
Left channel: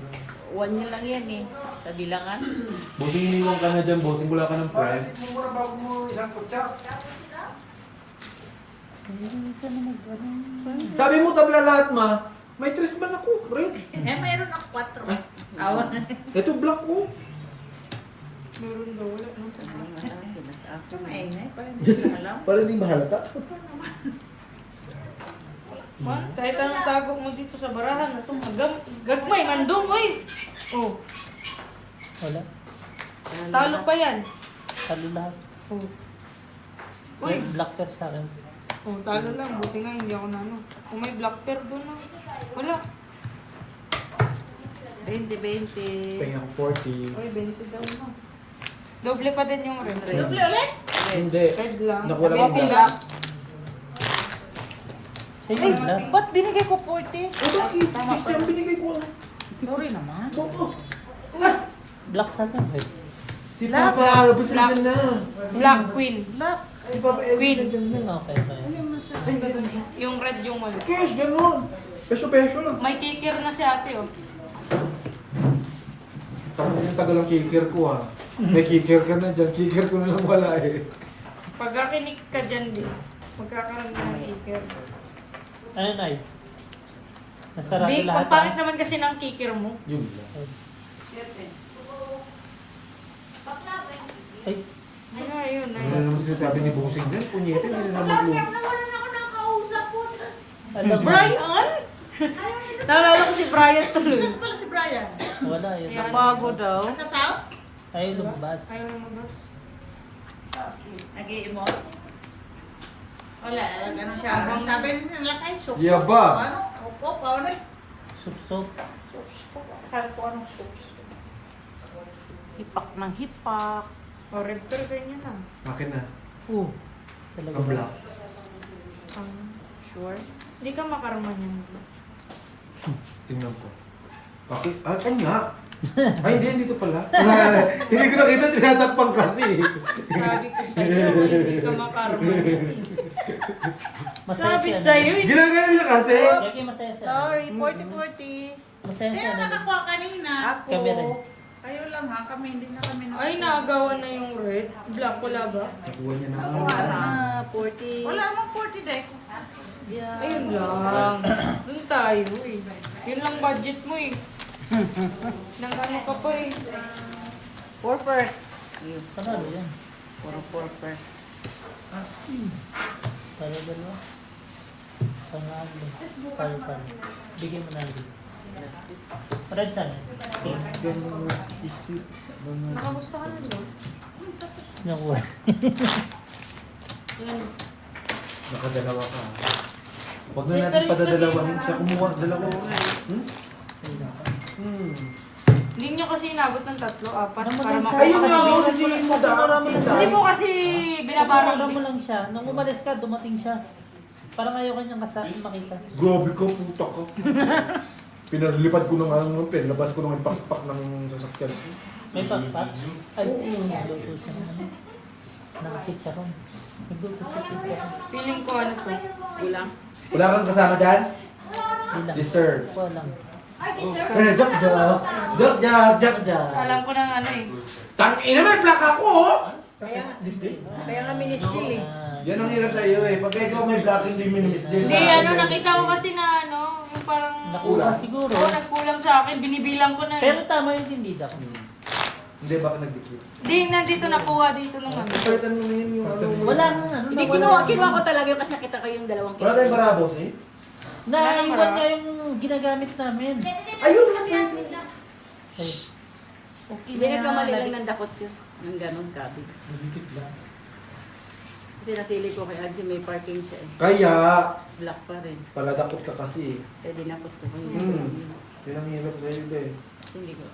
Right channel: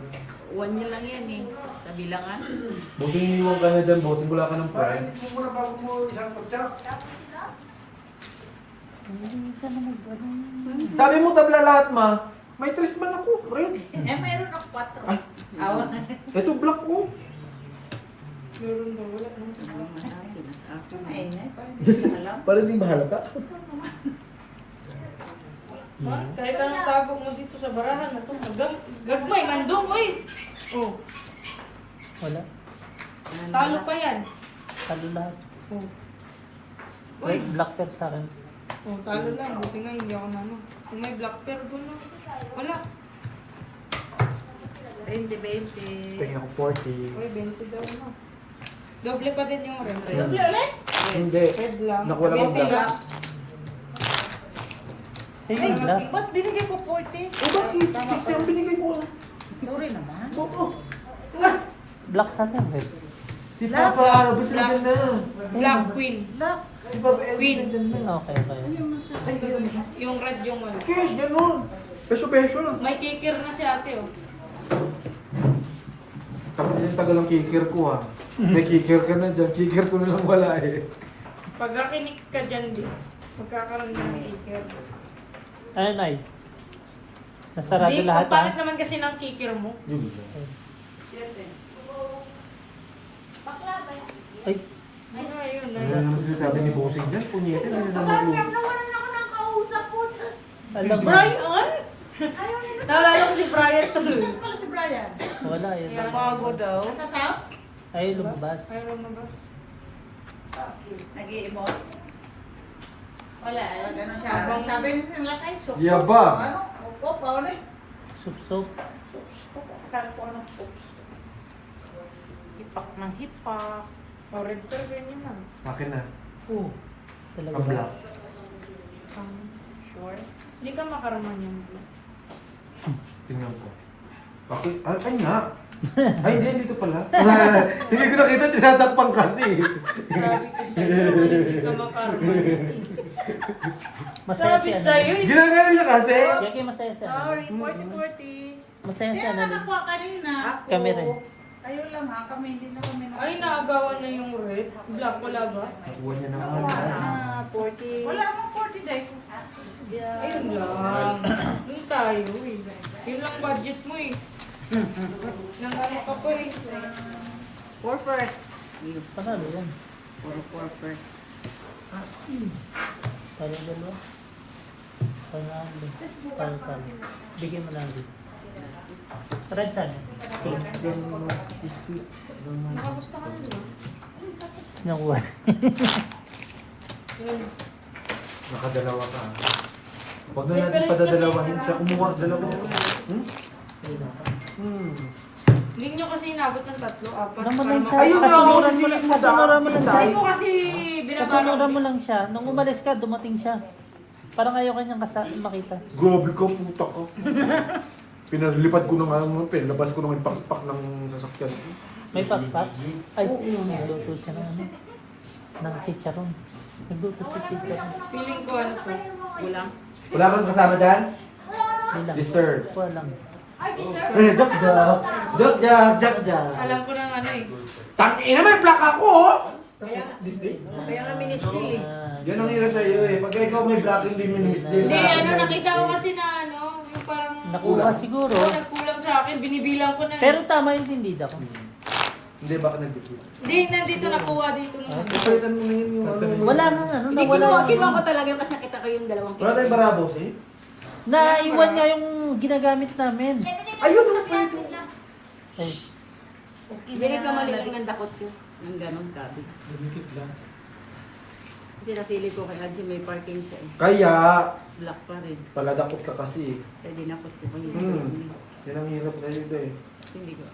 1 year lang yan eh. Sa bilangan. Bossing, iniwan ka na dyan, bossing. Wala ka ng friend. Mura bago mo isang kutsa. Hindi ka na mag-ano. Sabi mo tabla lahat, ma. May tres man ako, red. Mayroon ako 4. Ay. Ito black ko. Meron daw, wala. Ay, nay, parang hindi ko alam. Para hindi mahalata. Ma, kahit anong tago mo dito sa barahan na to, gagmay, nandun, oy! Oh, Wala. talo pa yan. Talo lahat. Oh, Red, black pair sa akin. oh talo lang. Buti nga hindi ako na ano. Kung may black pair doon na. Wala. 20. Pahing ako 40. Uy, 20 daw na. Doble pa din yung red. Doble ulit? Hindi. Red lang. Naku, wala bang 20 lang. Sa'yo yung black. Ba't binigay ko 40? Eh, bakit? 60 ang binigay ko. Sorry naman. Oo. Black sa akin, red. Si Papa, labas na dyan na. Black queen. Si Papa, Queen. dyan na. Okay, okay. Yung red yung wala. Cash, ganun. Peso lang. May kikir na si ate oh. Tapos yung tagal ang kikir ko, ha. May kikir ka na dyan. Kikir ko na lang wala, eh. Pag nakinig ka dyan din, magkakaroon ka ng kikir. Ano, Nay? Nasarado Di, lahat, ang pangit naman kasi ng kikir mo. Yun lang. Ay, Ay, ayun. Ano naman sinasabi ni Bossing dyan? Punyete, hindi na naman luto. Nawalan ako ng kausap po. alam mo. Brian? Naalala ko si Brian tuloy. Saan pala si Brian? Wala, yun. Yan. Bago daw. Nasa South? Ay, lumabas. Ayaw mo ba? Nag-i-emote? Wala, ganun siya. Sabi nila tayo, soup. Yaba. Ano? Upo, paano eh? Sup-sup. Soup. Akala ko anong soup. Hipak ng hipak. O, red pair ganyan na. Akin na. Talaga Ang ba? black. Sure? Hindi ka makarman yung blue. Tingnan ko. Bakit? Ah, kanya. Ay, hindi, dito pala. Hindi ko nakita, tinatakpan kasi. Sabi ko sa'yo, hindi ka makarman. Masaya Sabi siya. sa'yo, Ginagano niya kasi. Lagi masaya siya. Sorry, 40-40. Masaya siya. Sino nakakuha kanina? Ako. Kami rin. Kayo lang ha, kami hindi na kami nakakuha. ay naagawan na yung red. Black wala ba? Nakuha niya na. Wala. 40. Wala namang 40 dahil ko. Ayun lang. Doon tayo eh. Yun lang budget mo eh. Nang ano ka pa eh. Purpose. Panalo yan. Puro purpose. Talo dalawa. Panalo. Talo. Bigyan mo na lang. Red saan yan? Nakamusta ka na diba? Nakuha. Yan. Nakadalawa ka. Huwag na natin padadalawahin siya. Kumuha dalawa. Hindi nyo kasi inabot ng 3, 4 para Naman makakuha. siya. Ayun na, Kasi oh, si sinura Madam. mo lang. Hindi ko kasi Kasunura binabarang mo lang siya. Nung umalis ka, dumating siya. Parang ayaw kanyang makita. Grabe ka, puta ka. Pinalipad ko ng ano, pinalabas ko ng pakpak ng sasakyan. May pakpak? Ay, nagluto siya ng ano. Ng chicharon. Nagluto siya chicharon. Feeling ko ano to. Kulang. Wala kang kasama dyan? Bilang. Dessert. Walang. Jak. Alam ko ng ano eh. Tangina, may plaka ko, oh! Kaya nga ministil eh. Yan ang hirap sa iyo, eh. Pag ikaw may black, hindi minimis din. Hindi, ano, nakita ko kasi na ano, yung parang... Nakuha siguro. Nagkulang sa akin, binibilang ko na eh. Pero tama yung tindida ko. Hindi, bakit nagdikit? Hindi, nandito nakuha dito nung ano. Palitan mo ngayon yung ano. Wala nang ano. Hindi kinuha ko talaga yung kasi nakita ko yung dalawang Wala tayong barabos, eh? Naiwan niya yung ginagamit namin. Ayun! Ay, Hindi nagkamali lang ng dakot ko. Ng ganon kabig. Nagdikit lang. Kasi nasili ko kay Adjo, may parking siya eh. Kaya, Black pa rin. paladakot ka kasi, eh. Kaya dinakot ko kayo. Yan ang hirap sa iyo, eh. Hindi ko,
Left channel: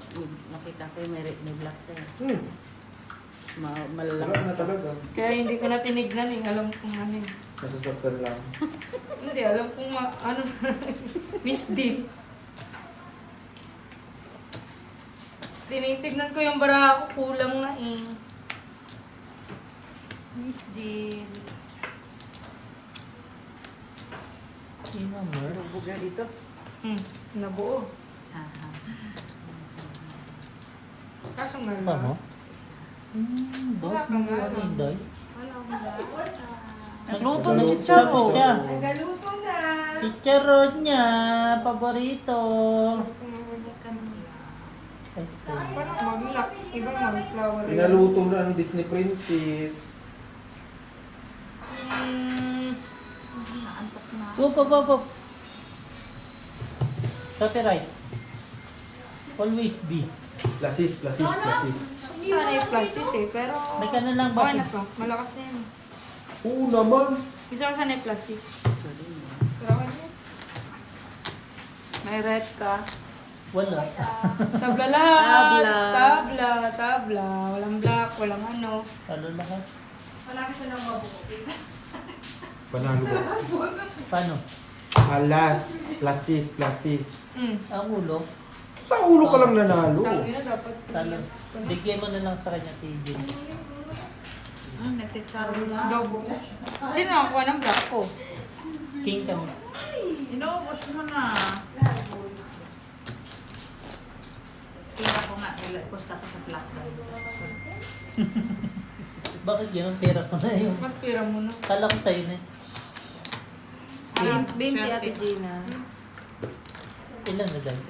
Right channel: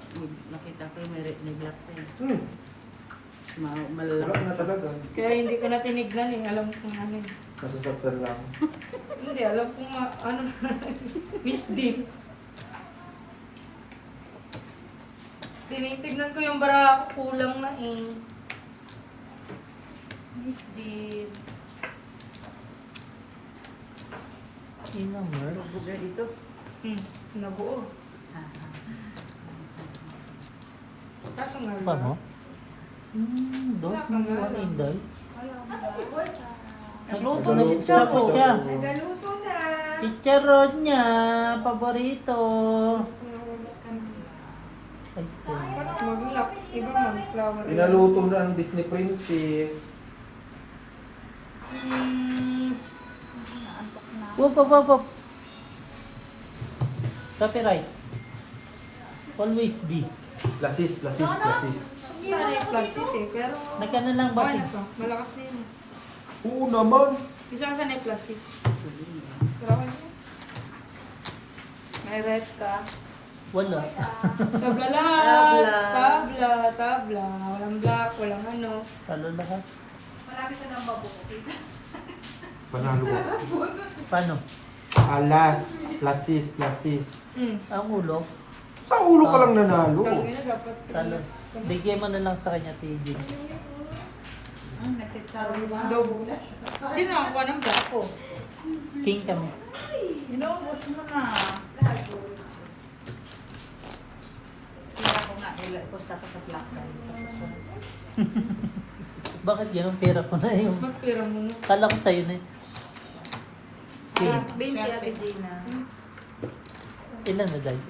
nakita ko yung may black pa eh. Wala Malalaki. na talaga. Kaya hindi ko na tinignan eh. Alam kong ano eh. Nasasaktan lang. Hindi, alam kong ano. Miss Deep. Tinitignan ko yung bara ko, kulang na eh. Miss Dean. yun ang mer. Buga dito. Nabuo. Kaso nga. Pa mo? Dos na buwan na Inday. Nagluto na chicharon. Sapot siya. Nagaluto na. Chicharon niya. Paborito. Ay, ito. Mag-lock. Iba mag-flower. Pinaluto na ang Disney Princess. Naantok na. Wop. Copyright. Always be. Plasis. Sana yung plastic eh, pero... Nagkano lang ba? Okay na pa. Malakas na yun eh. Oo naman. Bisa ka sana yung plastic. Pero okay na. May red ka. Wala. Tabla lahat. Tabla. Walang black, walang ano. Talo lahat. Marami siya ng mabukit. Panalo ko. Paano? Alas. Plasis. Ang ulo. Sa ulo ka lang nanalo. Tangin na dapat. Talo. Bigyan mo na lang sa kanya, TJ. Nagchicharon na. Double. Sino nakakuha ng black ko? King ka mo. Inuubos mo na. Kaya ko nga, post ako sa black drive. Bakit ganun? Pera ko na yun. Magpira mo na. Kala ko sa'yo na. Binti Ate Gina. Ilan na dahil?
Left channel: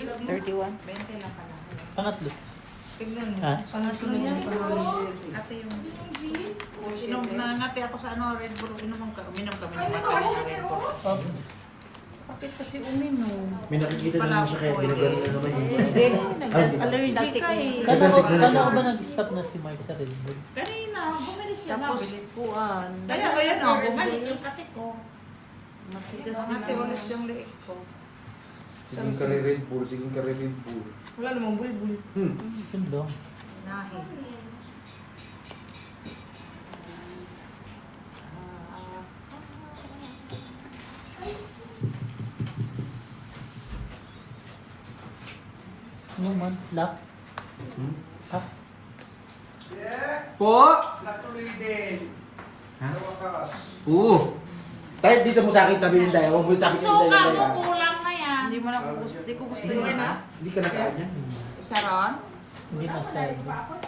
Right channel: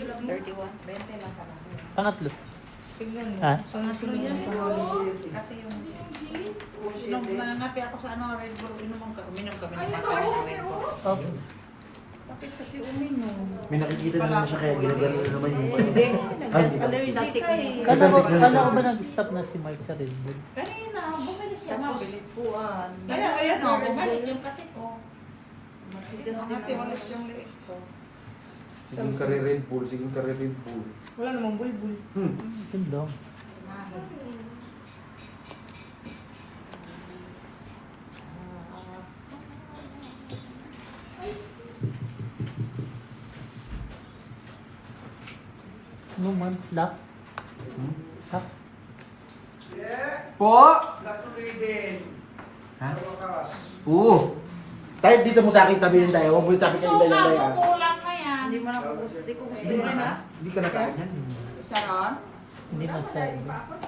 31. 20 lang pala. Pangatlo. Tignan mo. Ha? Sana sunod yung pangalan. Ate yung... Inom na natin ako sa ano, Red Bull. Uminom kami ng Red Bull. Okay. Bakit kasi uminom? May nakikita naman siya kaya ginagano na naman yung Hindi. Dasik ka eh. Kala ko ba nag-stop na si Mark sa Red Bull? Kanina, bumili siya. Mabilipuan. Kaya ayan o, bumalik yung kati ko. Matigas ulit yung leeg ko. Siging ka Red Bull. Wala namang bulbul. Yun lang. Inahin. No man, lock. Lock. Po? Ha? Oo. Tayo dito mo sa akin tabihin tayo. Huwag mo yung tabi sa Suka inday mo, yan. kulang na yan. Hindi mo na hindi ko gusto yan ah. Hindi ka nakain yan. Sharon? Hindi masyado.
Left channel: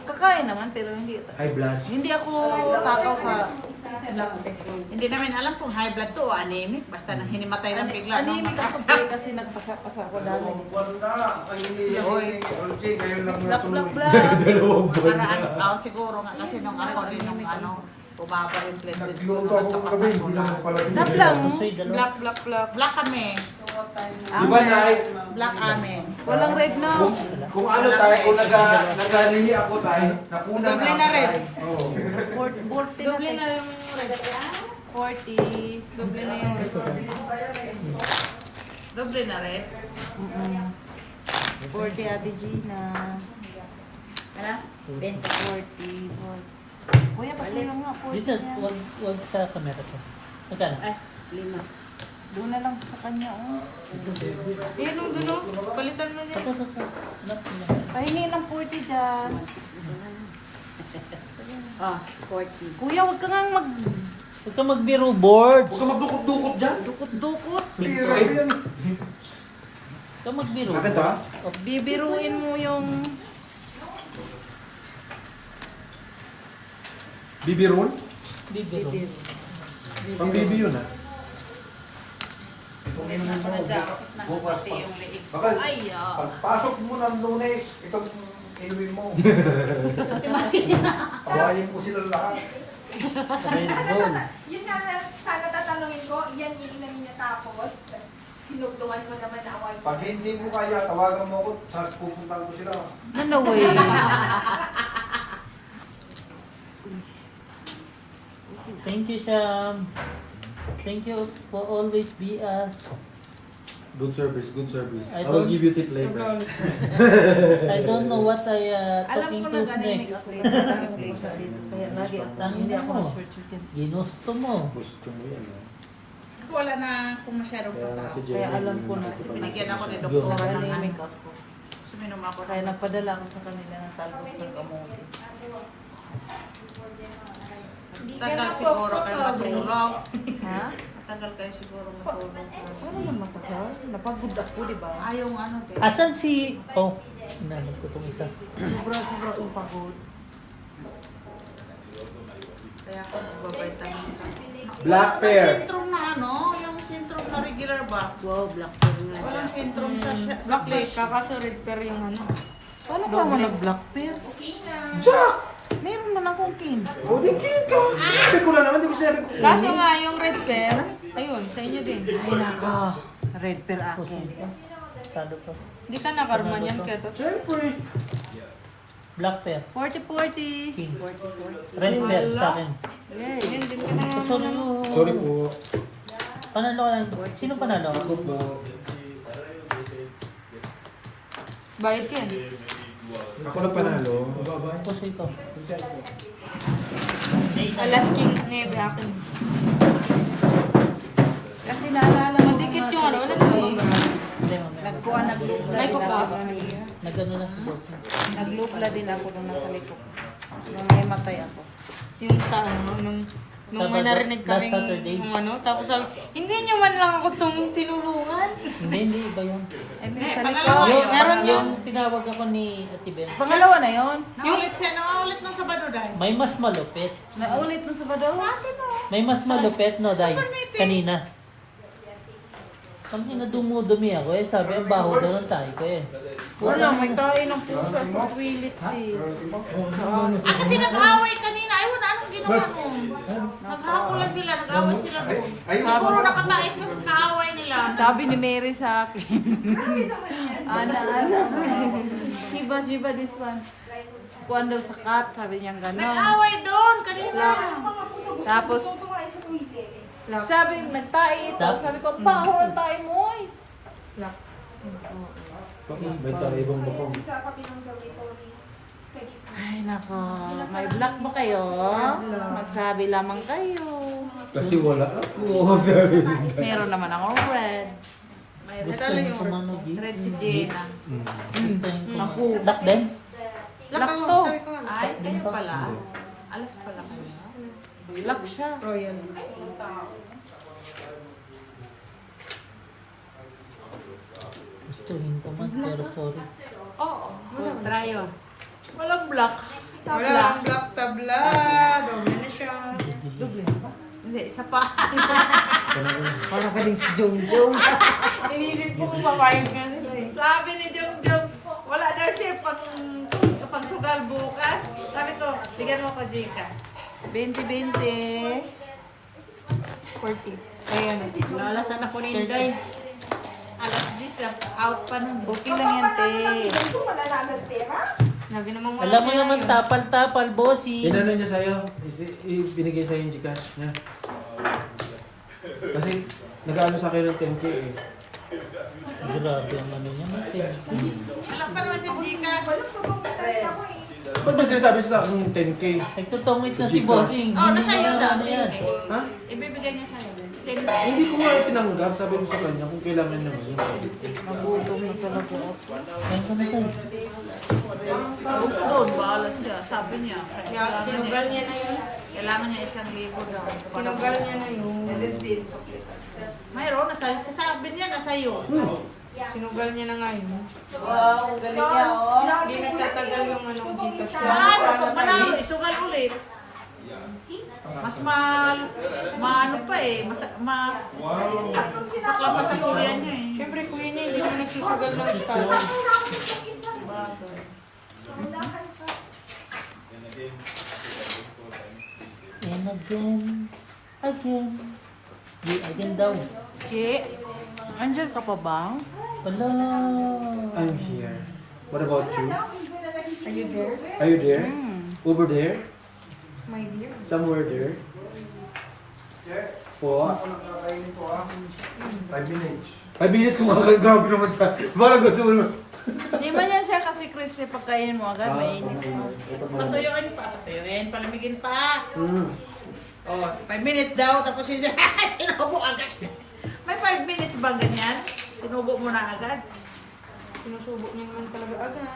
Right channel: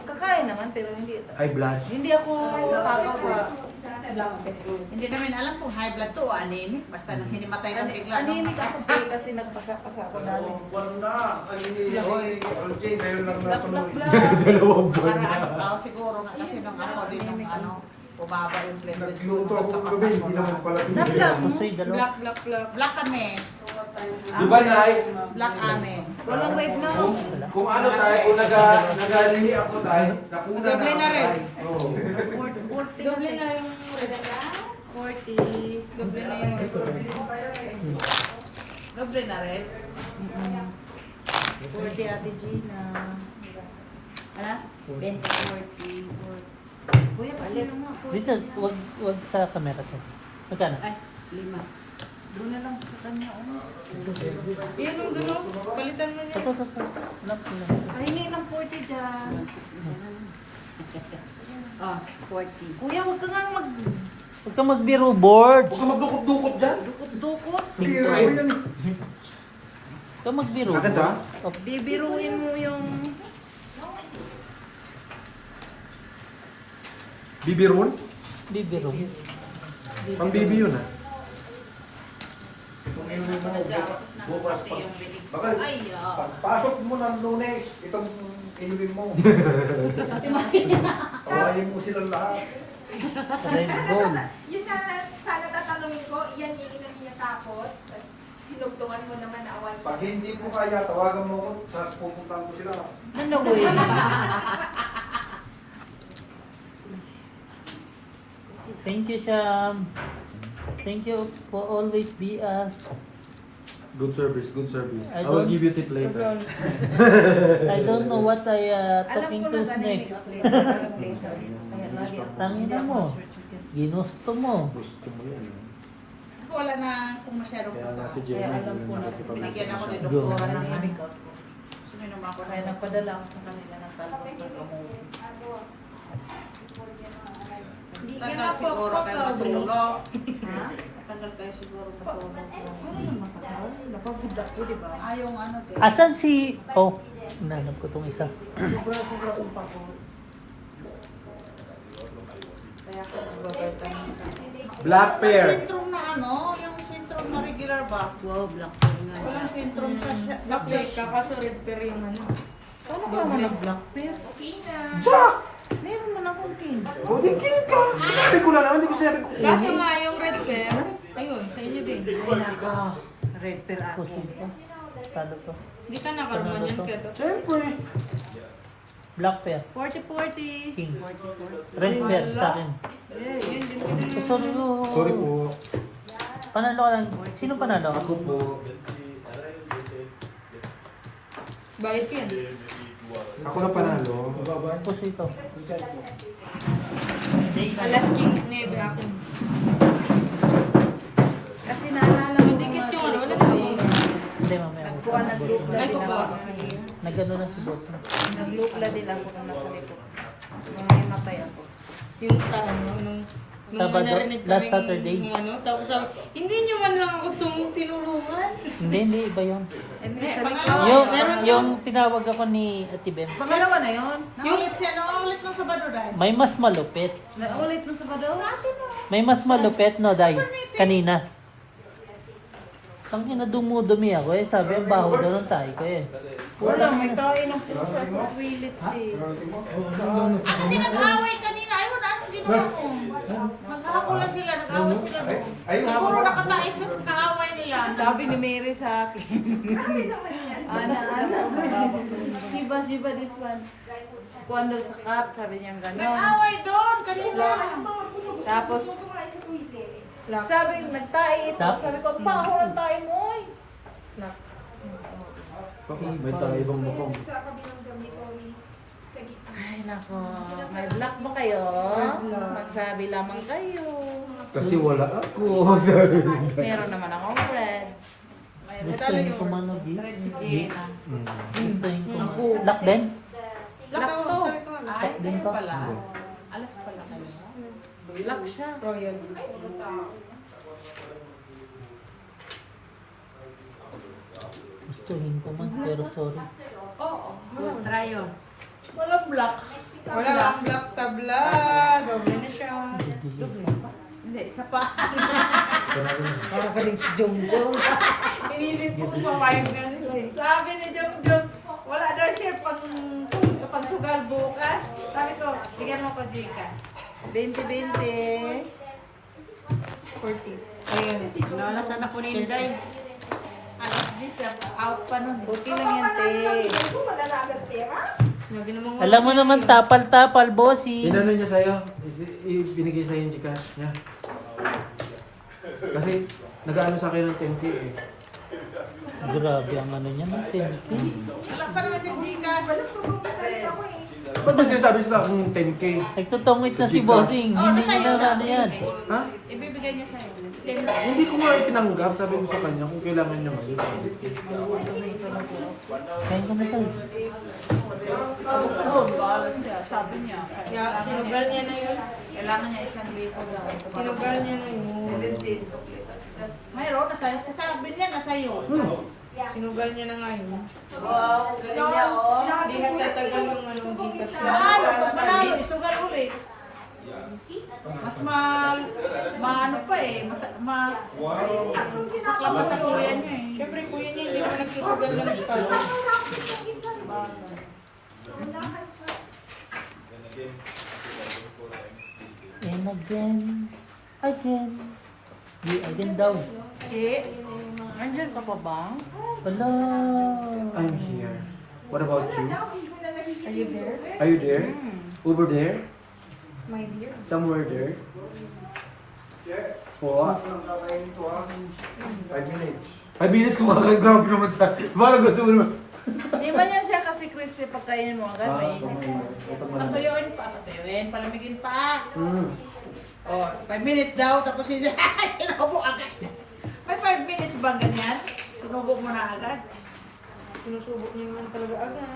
Kakain naman pero hindi. High blood. Hindi ako takot sa Hindi namin alam kung high blood to o anemic. Basta nang hinimatay lang bigla. nung anemic ako mataas. kasi nagpasa-pasa ako dami. Oy, Dalawang buwan na. paraan siguro nga kasi nung ako din nung ano, bumaba yung platelets ko Nagluto nung ako nagkapasan kagabi, ko hindi na. naman pala. Nablang. Gusto yung dalawa. Black. Black kami. Di ba, Nay? Black amin. Walang red na. Kung ano tayo, kung nagalihi ako tayo, nakuna Doble na red. Oo. 40 Doble na yung red. 40. Doble na yung red. Doble na red. 40 Ate Gina. Ano? 20. 40. Kuya, kasi lang nga 40. Dito, wag sa camera ko. Magkano? Ay, 5. Doon na lang sa kanya. Oh. Yan yung gano. Palitan mo niya. Ito. Anak ko lang. Pahingi ng 40 dyan. Ah, 40. Kuya, huwag ka nga Huwag ka magbiro board. Huwag ka magdukot-dukot dyan. magdukot-dukot. Huwag ka magbiro. Agad ha? Bibiruin mo yung... Bibirun? Bibiro. Pang bibi yun ha? Bukas pa. Ay, Pasok mo ng Lunes, itong inumin mo. Pawayin ko silang lahat. Red Bull. Yun na sana tatanungin ko, yan yung ilan niya tapos. Sinugtungan mo naman na away. Pag hindi ko kaya, tawagan mo ako, pupuntahan ko sila. Ano way? Thank you, Sham. Thank you for always be us. Good service. I I will don't- give you tip later. I don't know what I talking to next. Tangina mo. Ginusto mo. Gusto mo yan ha? wala na kung masyadong Kaya nga pasok. si Jenny. Kaya alam ko na. Binigyan ako ni doktora ng ano. Suminom ako Kaya na nagpadala ako sa kanila ng talbos ng gamot. Tagal siguro kayo matulog. Ha? Tagal matagal kayo siguro matulog. Ano yung matagal? Napagod ako, di ba? Yung ano, te. Asan si... Oh, nanap ko itong isa. Sobra kong pagod. Kaya ako nagbabitamin sa... Black Walang pear. sintrom na ano, yung sintrom na regular ba? Wow, black pear nga. Walang sintrom sa Black plate. kakaso red pear yung ano. Paano ka naman ng black pear? Jack! Meron man akong king. O, di king ka. Sinabi ko lang naman, di ko sinabi ko. Kaso nga yung red pear, ayun, sa inyo din. Ay, nako. Red pear Puso akin. pa. Talo pa. Hindi ka nakarma Ano ba niyan, to? Keto. Siyempre. Black pear. 40-40. King. 40-40. Red pear sa akin. Yay. Yun din ka na. Oh, sorry. Oh. Sorry po. Panalo ka lang. Sino panalo? Ako po. Bayad ka yan. Ako na panalo. Puso ito. Alas king navy akin. Kasi naalala ko. Madikit yung ano, wala naman. Hindi, mamaya. Nagkuha ng lupla. Ay, ko pa. Nagano na si Bot. Naglupla din ako nung nasa likod. Nung may matay ako. Yung sa ano, nung Sabado, narinig last kami Saturday. yung ano, tapos sabi, hindi nyo man lang ako tinulungan. Hindi, iba yun. And then, sa Pangalawa. likod. Meron Yung tinawag ako ni Ate Ben. Pangalawa na yun. Naulit siya, naulit ng Sabado dahil. May mas malupit. Naulit na sa badaw. May mas malupit no, Day. Kanina. Ang ina dumudumi ako eh. Sabi ang baho daw ng tayo ko eh. Wala, may kain ng pusa sa pilit eh. Kasi nag-away kanina. Ayun, anong ginawa mo? Naghahapulan sila, nag-away sila doon. Siguro nakataas yung kaaway nila. Sabi ni Mary sa akin. Ana, Shiba, this one. Kuwan daw sa cat, sabi niya gano'n. Nag-away doon kanina. Tapos, sabi, nagtae ito. Sabi ko, pa, ako ang tae mo eh. May tayo ibang mukhang. Ay, nako. May black ba kayo? Magsabi lamang kayo. Kasi wala ako. Sabi mo. Meron naman akong red. Gusto yung kumano, G. Red si Jenna. Gusto yung kumano. Lock din? Lock ako, sabi ko nga. Ay, ganyan pala. Alas pala kayo. Black siya. Royal. Gustuhin ko man, pero sorry. Oo. Try yun. Walang black. Wala ang black tabla. Doble na siya. Hindi, isa pa. Para ka rin si Jojo. Iniisip ko kung papayag nga sila eh. Sabi ni Jung, wala daw siya pang sugal bukas. Sabi ko, tigyan mo ko, Jika. 20-20. 40. Ayan. Nalasan ako ni Inday. Alas 10, out pa nun. Okay lang yan, te. Lagi namang wala Alam mo kaya naman, yun. tapal-tapal, bossy. Inano niya sa'yo? Binigay sa'yo yung Gcash niya. Kasi nag-ano sa akin ng 10K eh. Grabe ang ano niya natin. Wala pa naman yung Jika. Ba't ba sinasabi sa akin 10K? Nagtutumit na si bossing. Oh, Hindi nasa iyo na na. ano yan. Ha? Ibibigay niya sa'yo. Hindi ko nga tinanggap. Sabi ko sa kanya kung kailangan niya ngayon. Kain ka na tayo. Huwag ka doon, bahala siya. Sabi niya. Kaya sinugal niya na yun. Kailangan niya 1,000 daw. Sinugal niya na yun. Mayroon, kasabi niya, nasa iyo. Sinugal niya na nga yun. Wow, galing niya, oh. Hindi nagtatagal yung ano, dito Ano, pag manalo, isugal ulit. Mas maano pa eh, mas sakla pa sa kuya niya eh. Siyempre, kuya niya, hindi naman nagsusugal ng scotch. And again. Di, again daw. Che, andyan ka pa ba? Wala. I'm here. What about you? Are you there, Are you there? Over there? my dear? Somewhere there? Po? 5 minutes. 5 minutes kumakagrabe naman sa... Parang gusto mo naman. Di ba yan siya kasi crispy pagkainin mo agad? Mainit. Patuyuin pa, palamigin pa. Mm. Oh, 5 minutes daw, tapos sinubo agad. May 5 minutes ba ganyan? Sinubo mo na agad. Sinusubo niya naman talaga agad.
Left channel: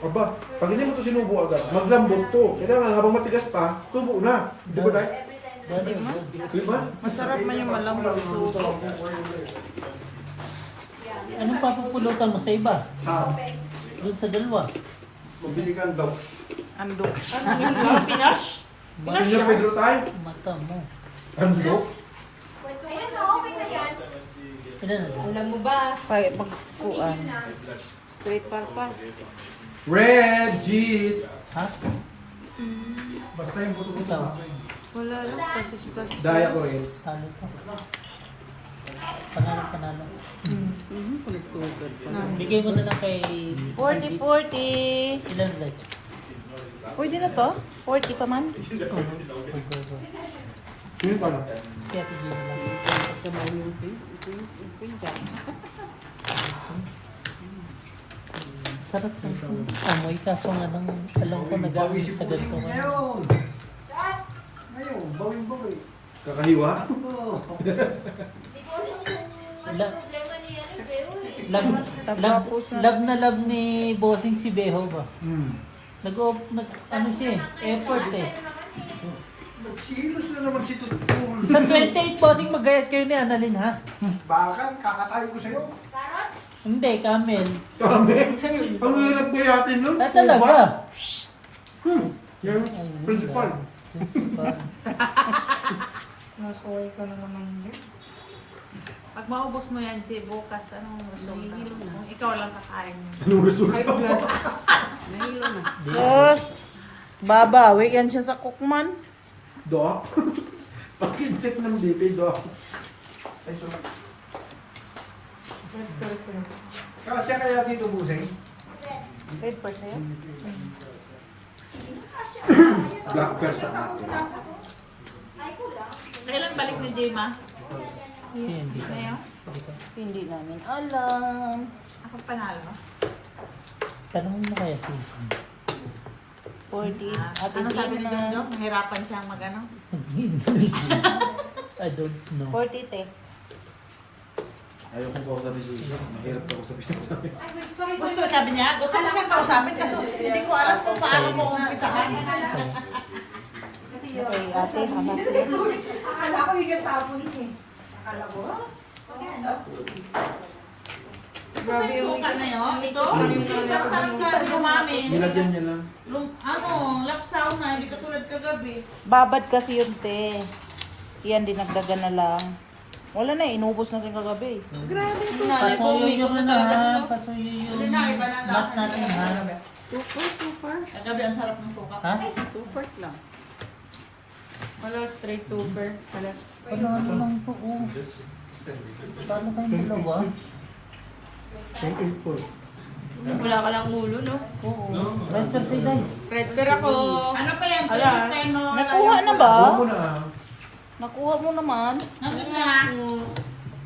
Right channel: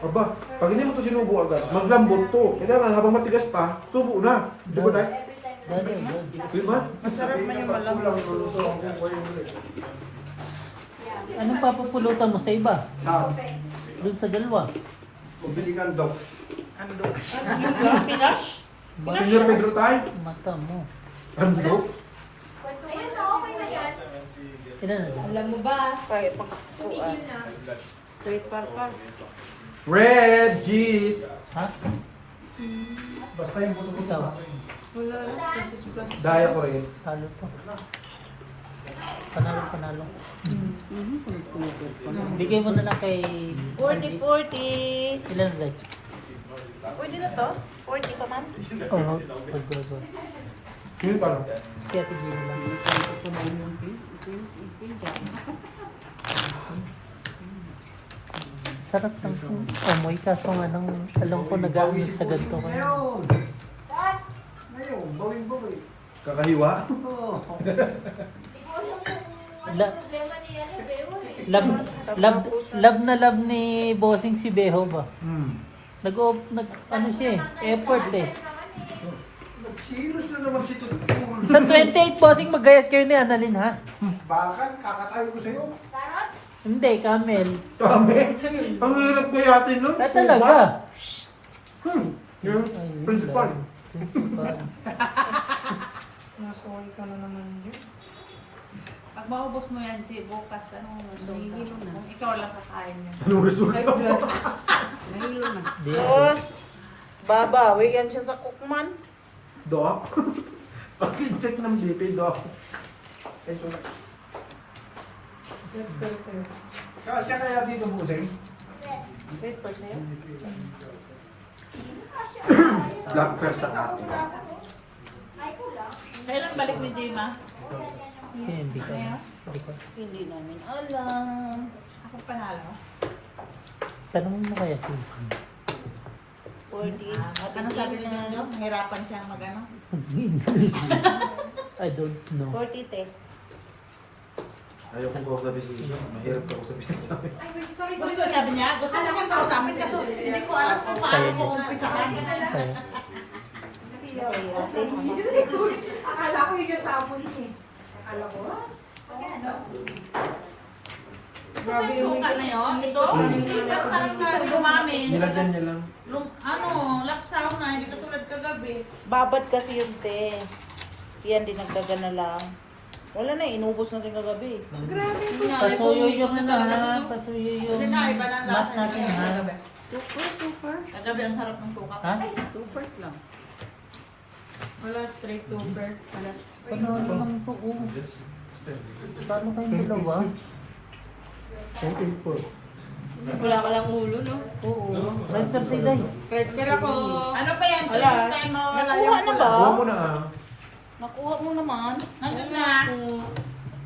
Aba, pag hindi mo to sinubo agad, maglambot to. Kailangan habang matigas pa, subo na. Di ba tayo? Daddy, good. Diba? Masarap man yung malamang suso. Anong papapulutan mo sa iba? Sa, Doon sa dalawa? mabili kang dogs. Ando. Yung Pinas. Senior Pedro tayo. Mata mo. Ang dogs? Ilan na doon? Alam mo ba? Ay, magkuhan. Straight parpal. Red cheese. Ha? Basta yung buto-buto. Ikaw? Wala lang. Pasus-pasus. Daya ko rin. Talo to. Panalo, panalo. Bigay mo na lang kay... 40. Ilan red? Pwede na to? 40 pa man? Oo. Go. Yung talo. Kaya bigay mo lang. Sarap ng amoy kaso nga nang alam ko nag-amoy sa ganito ka. Ngayon. Ngayon, bawing-bawi. Kakahiwa? Love ni bossing si Beho ba? Ano siya eh, effort eh. Nagsilos na naman si Tutul. Sa 28 bossing magayat kayo ni Annalyn ha? Bakal, kakatayo ko sa'yo. Hindi, Camel. Kami? Ang hirap ko yatin nun. Ah, talaga? Yung Ay, principal. Principal. Masaway ka na naman din. Pag maubos mo yan, si bukas, anong resulta? Nahihilo na. Kung ikaw lang kakain mo. Anong resulta mo? Nahilo na. Di, Tapos, babawi yan siya sa cookman. Doc? Pag-check ng BP, Doc. Eh, so, Pero sila. kasya kaya dito, busing? Red pa sa'yo? Black pear sa akin. Kailan balik ni Jema? hindi ka. Hindi namin alam. Ako panalo. Tanong mo kaya si 40. Anong sabi ni Jong Jong? Nahirapan siyang mag-ano? I don't know. 40 te. Ayaw kong kausapin siya. Mahirap kausapin sa amin. Gusto, sabi niya, gusto mo siyang kausapin kasi hindi ko alam kung paano mo umpisahan. Kaya, Grabe yung Suka na yun. Ito, parang ka lumamin. Nilagyan niya lang. Lapsaw na, hindi ka tulad kagabi. Babad kasi yun te. Yan, dinagdagan na lang. Wala na, inubos na rin kagabi. Grabe ito. Nanay ko, pasuyo umikot yung na ano talaga ha, ito. pasuyo yung Kasi na, iba lang mat natin ha. Super. Kagabi ang sarap ng suka. Ha? 2 first lang. Wala, straight super. Wala. Panalo lang po. Oh. Paano kayong dalawa? 10-8-4. Wala ka lang ulo, no? Oo. Right per side ay. Red per ako. Ano pa yan? Ala. Time mo, wala Nakuha yung na pula. ba? Alam mo na ah. Nakuha mo naman. Nandun na.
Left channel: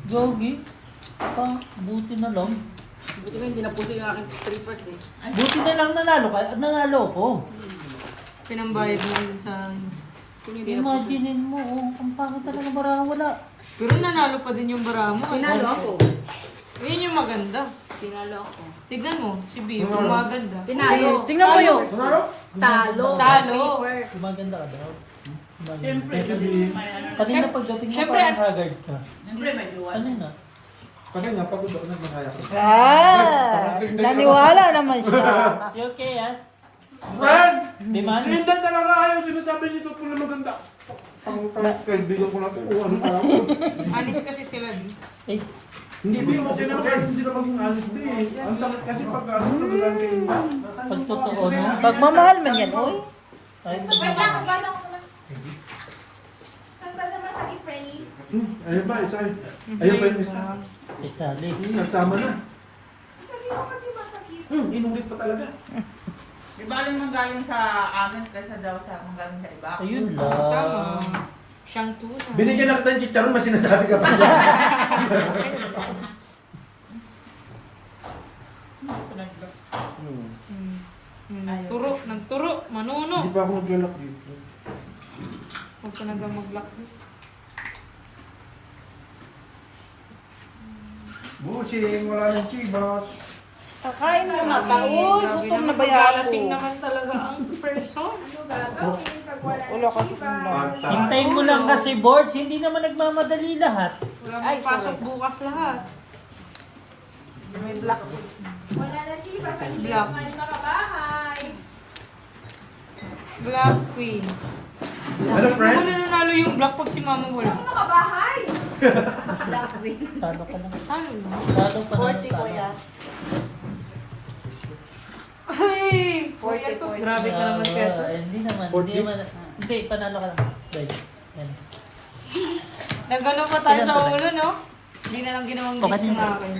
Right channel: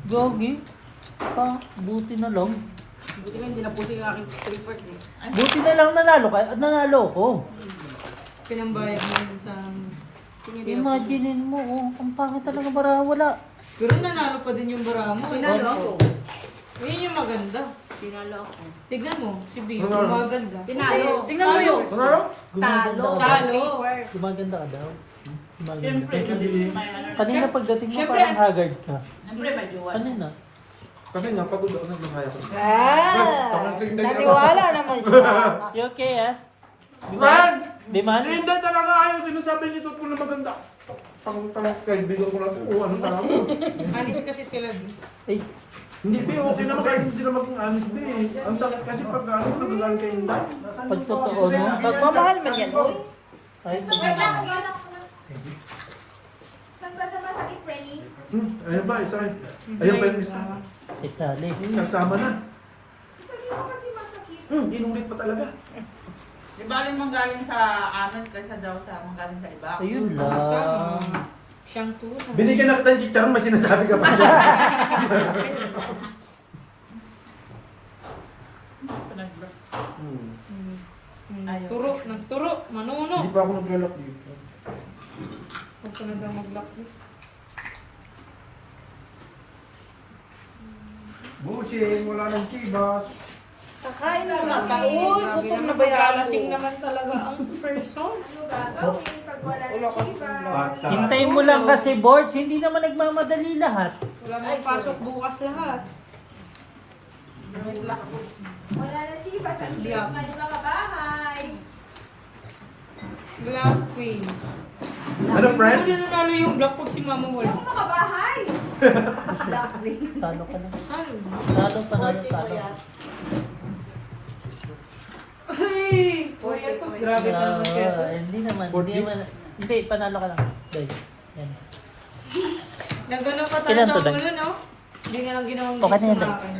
Gogi. Buti na lang. Buti nga hindi na puso yung aking strippers eh. Buti na lang nanalo ka. Nanalo ko. Pinambayad mo yun sa... Imaginein mo, oh, ang pangit talaga bara wala. Pero nanalo pa din yung bara mo. Tinalo ako. Yun yung maganda. Tinalo ako. Tignan mo, si B, yung maganda. Tinalo. Tingnan mo yun. Ano? Talo. Talo. Papers. Gumaganda ka daw. Siyempre. Kanina pagdating mo Siyempre, parang haggard ka. Siyempre, may jowa. Ano na? Kasi nga, pagod ako na makaya ko. Naniwala naman siya. You okay ah? Brad! Di man? Sindan talaga ayaw. Sinasabi nito po na maganda. Kaibigan ko natin kung ano talaga. Anis kasi sila, B. Eh, Hindi, Bi. Okay naman kahit hindi sila maging honest, Bi. Ang sakit kasi pag ano, nagagaling kay Inday. pag totoo no? Magmamahal man yan. Uy. Ay, pag Ayun ba, isa eh. Ayun pa yung isa. isali. Nagsama na. Inulit pa talaga. Di baling manggaling sa amin kaysa daw sa manggaling sa iba. Ayun Tama. lang. Siyang tuna. Binigyan na kita ng chicharon, may sinasabi ka pa dyan. Turo, nagturo, manuno. Hindi pa ako naglalak dito. Huwag ka na daw mag-lock. Busing, wala ng chibas. Kakain mo na. Grabe Uy, naman, gutom na ba yan? maglalasing naman talaga ang person. Wala ka na. Hintayin mo lang kasi boards, hindi naman nagmamadali lahat. Wala may pasok bukas lahat. Black. Black Queen. Ano, friend? Ano nanalo yung black pag si mama wala? Talo ka na. Ano? Talo, panalo, talo. Ay! Kuya to. Grabe ka naman kaya to. Hindi naman, hindi, panalo ka lang. Dahil, yan. Nagano pa tayo sa Kailan to, ulo, no? Hindi na lang ginawang Okay gis na sa yan. akin.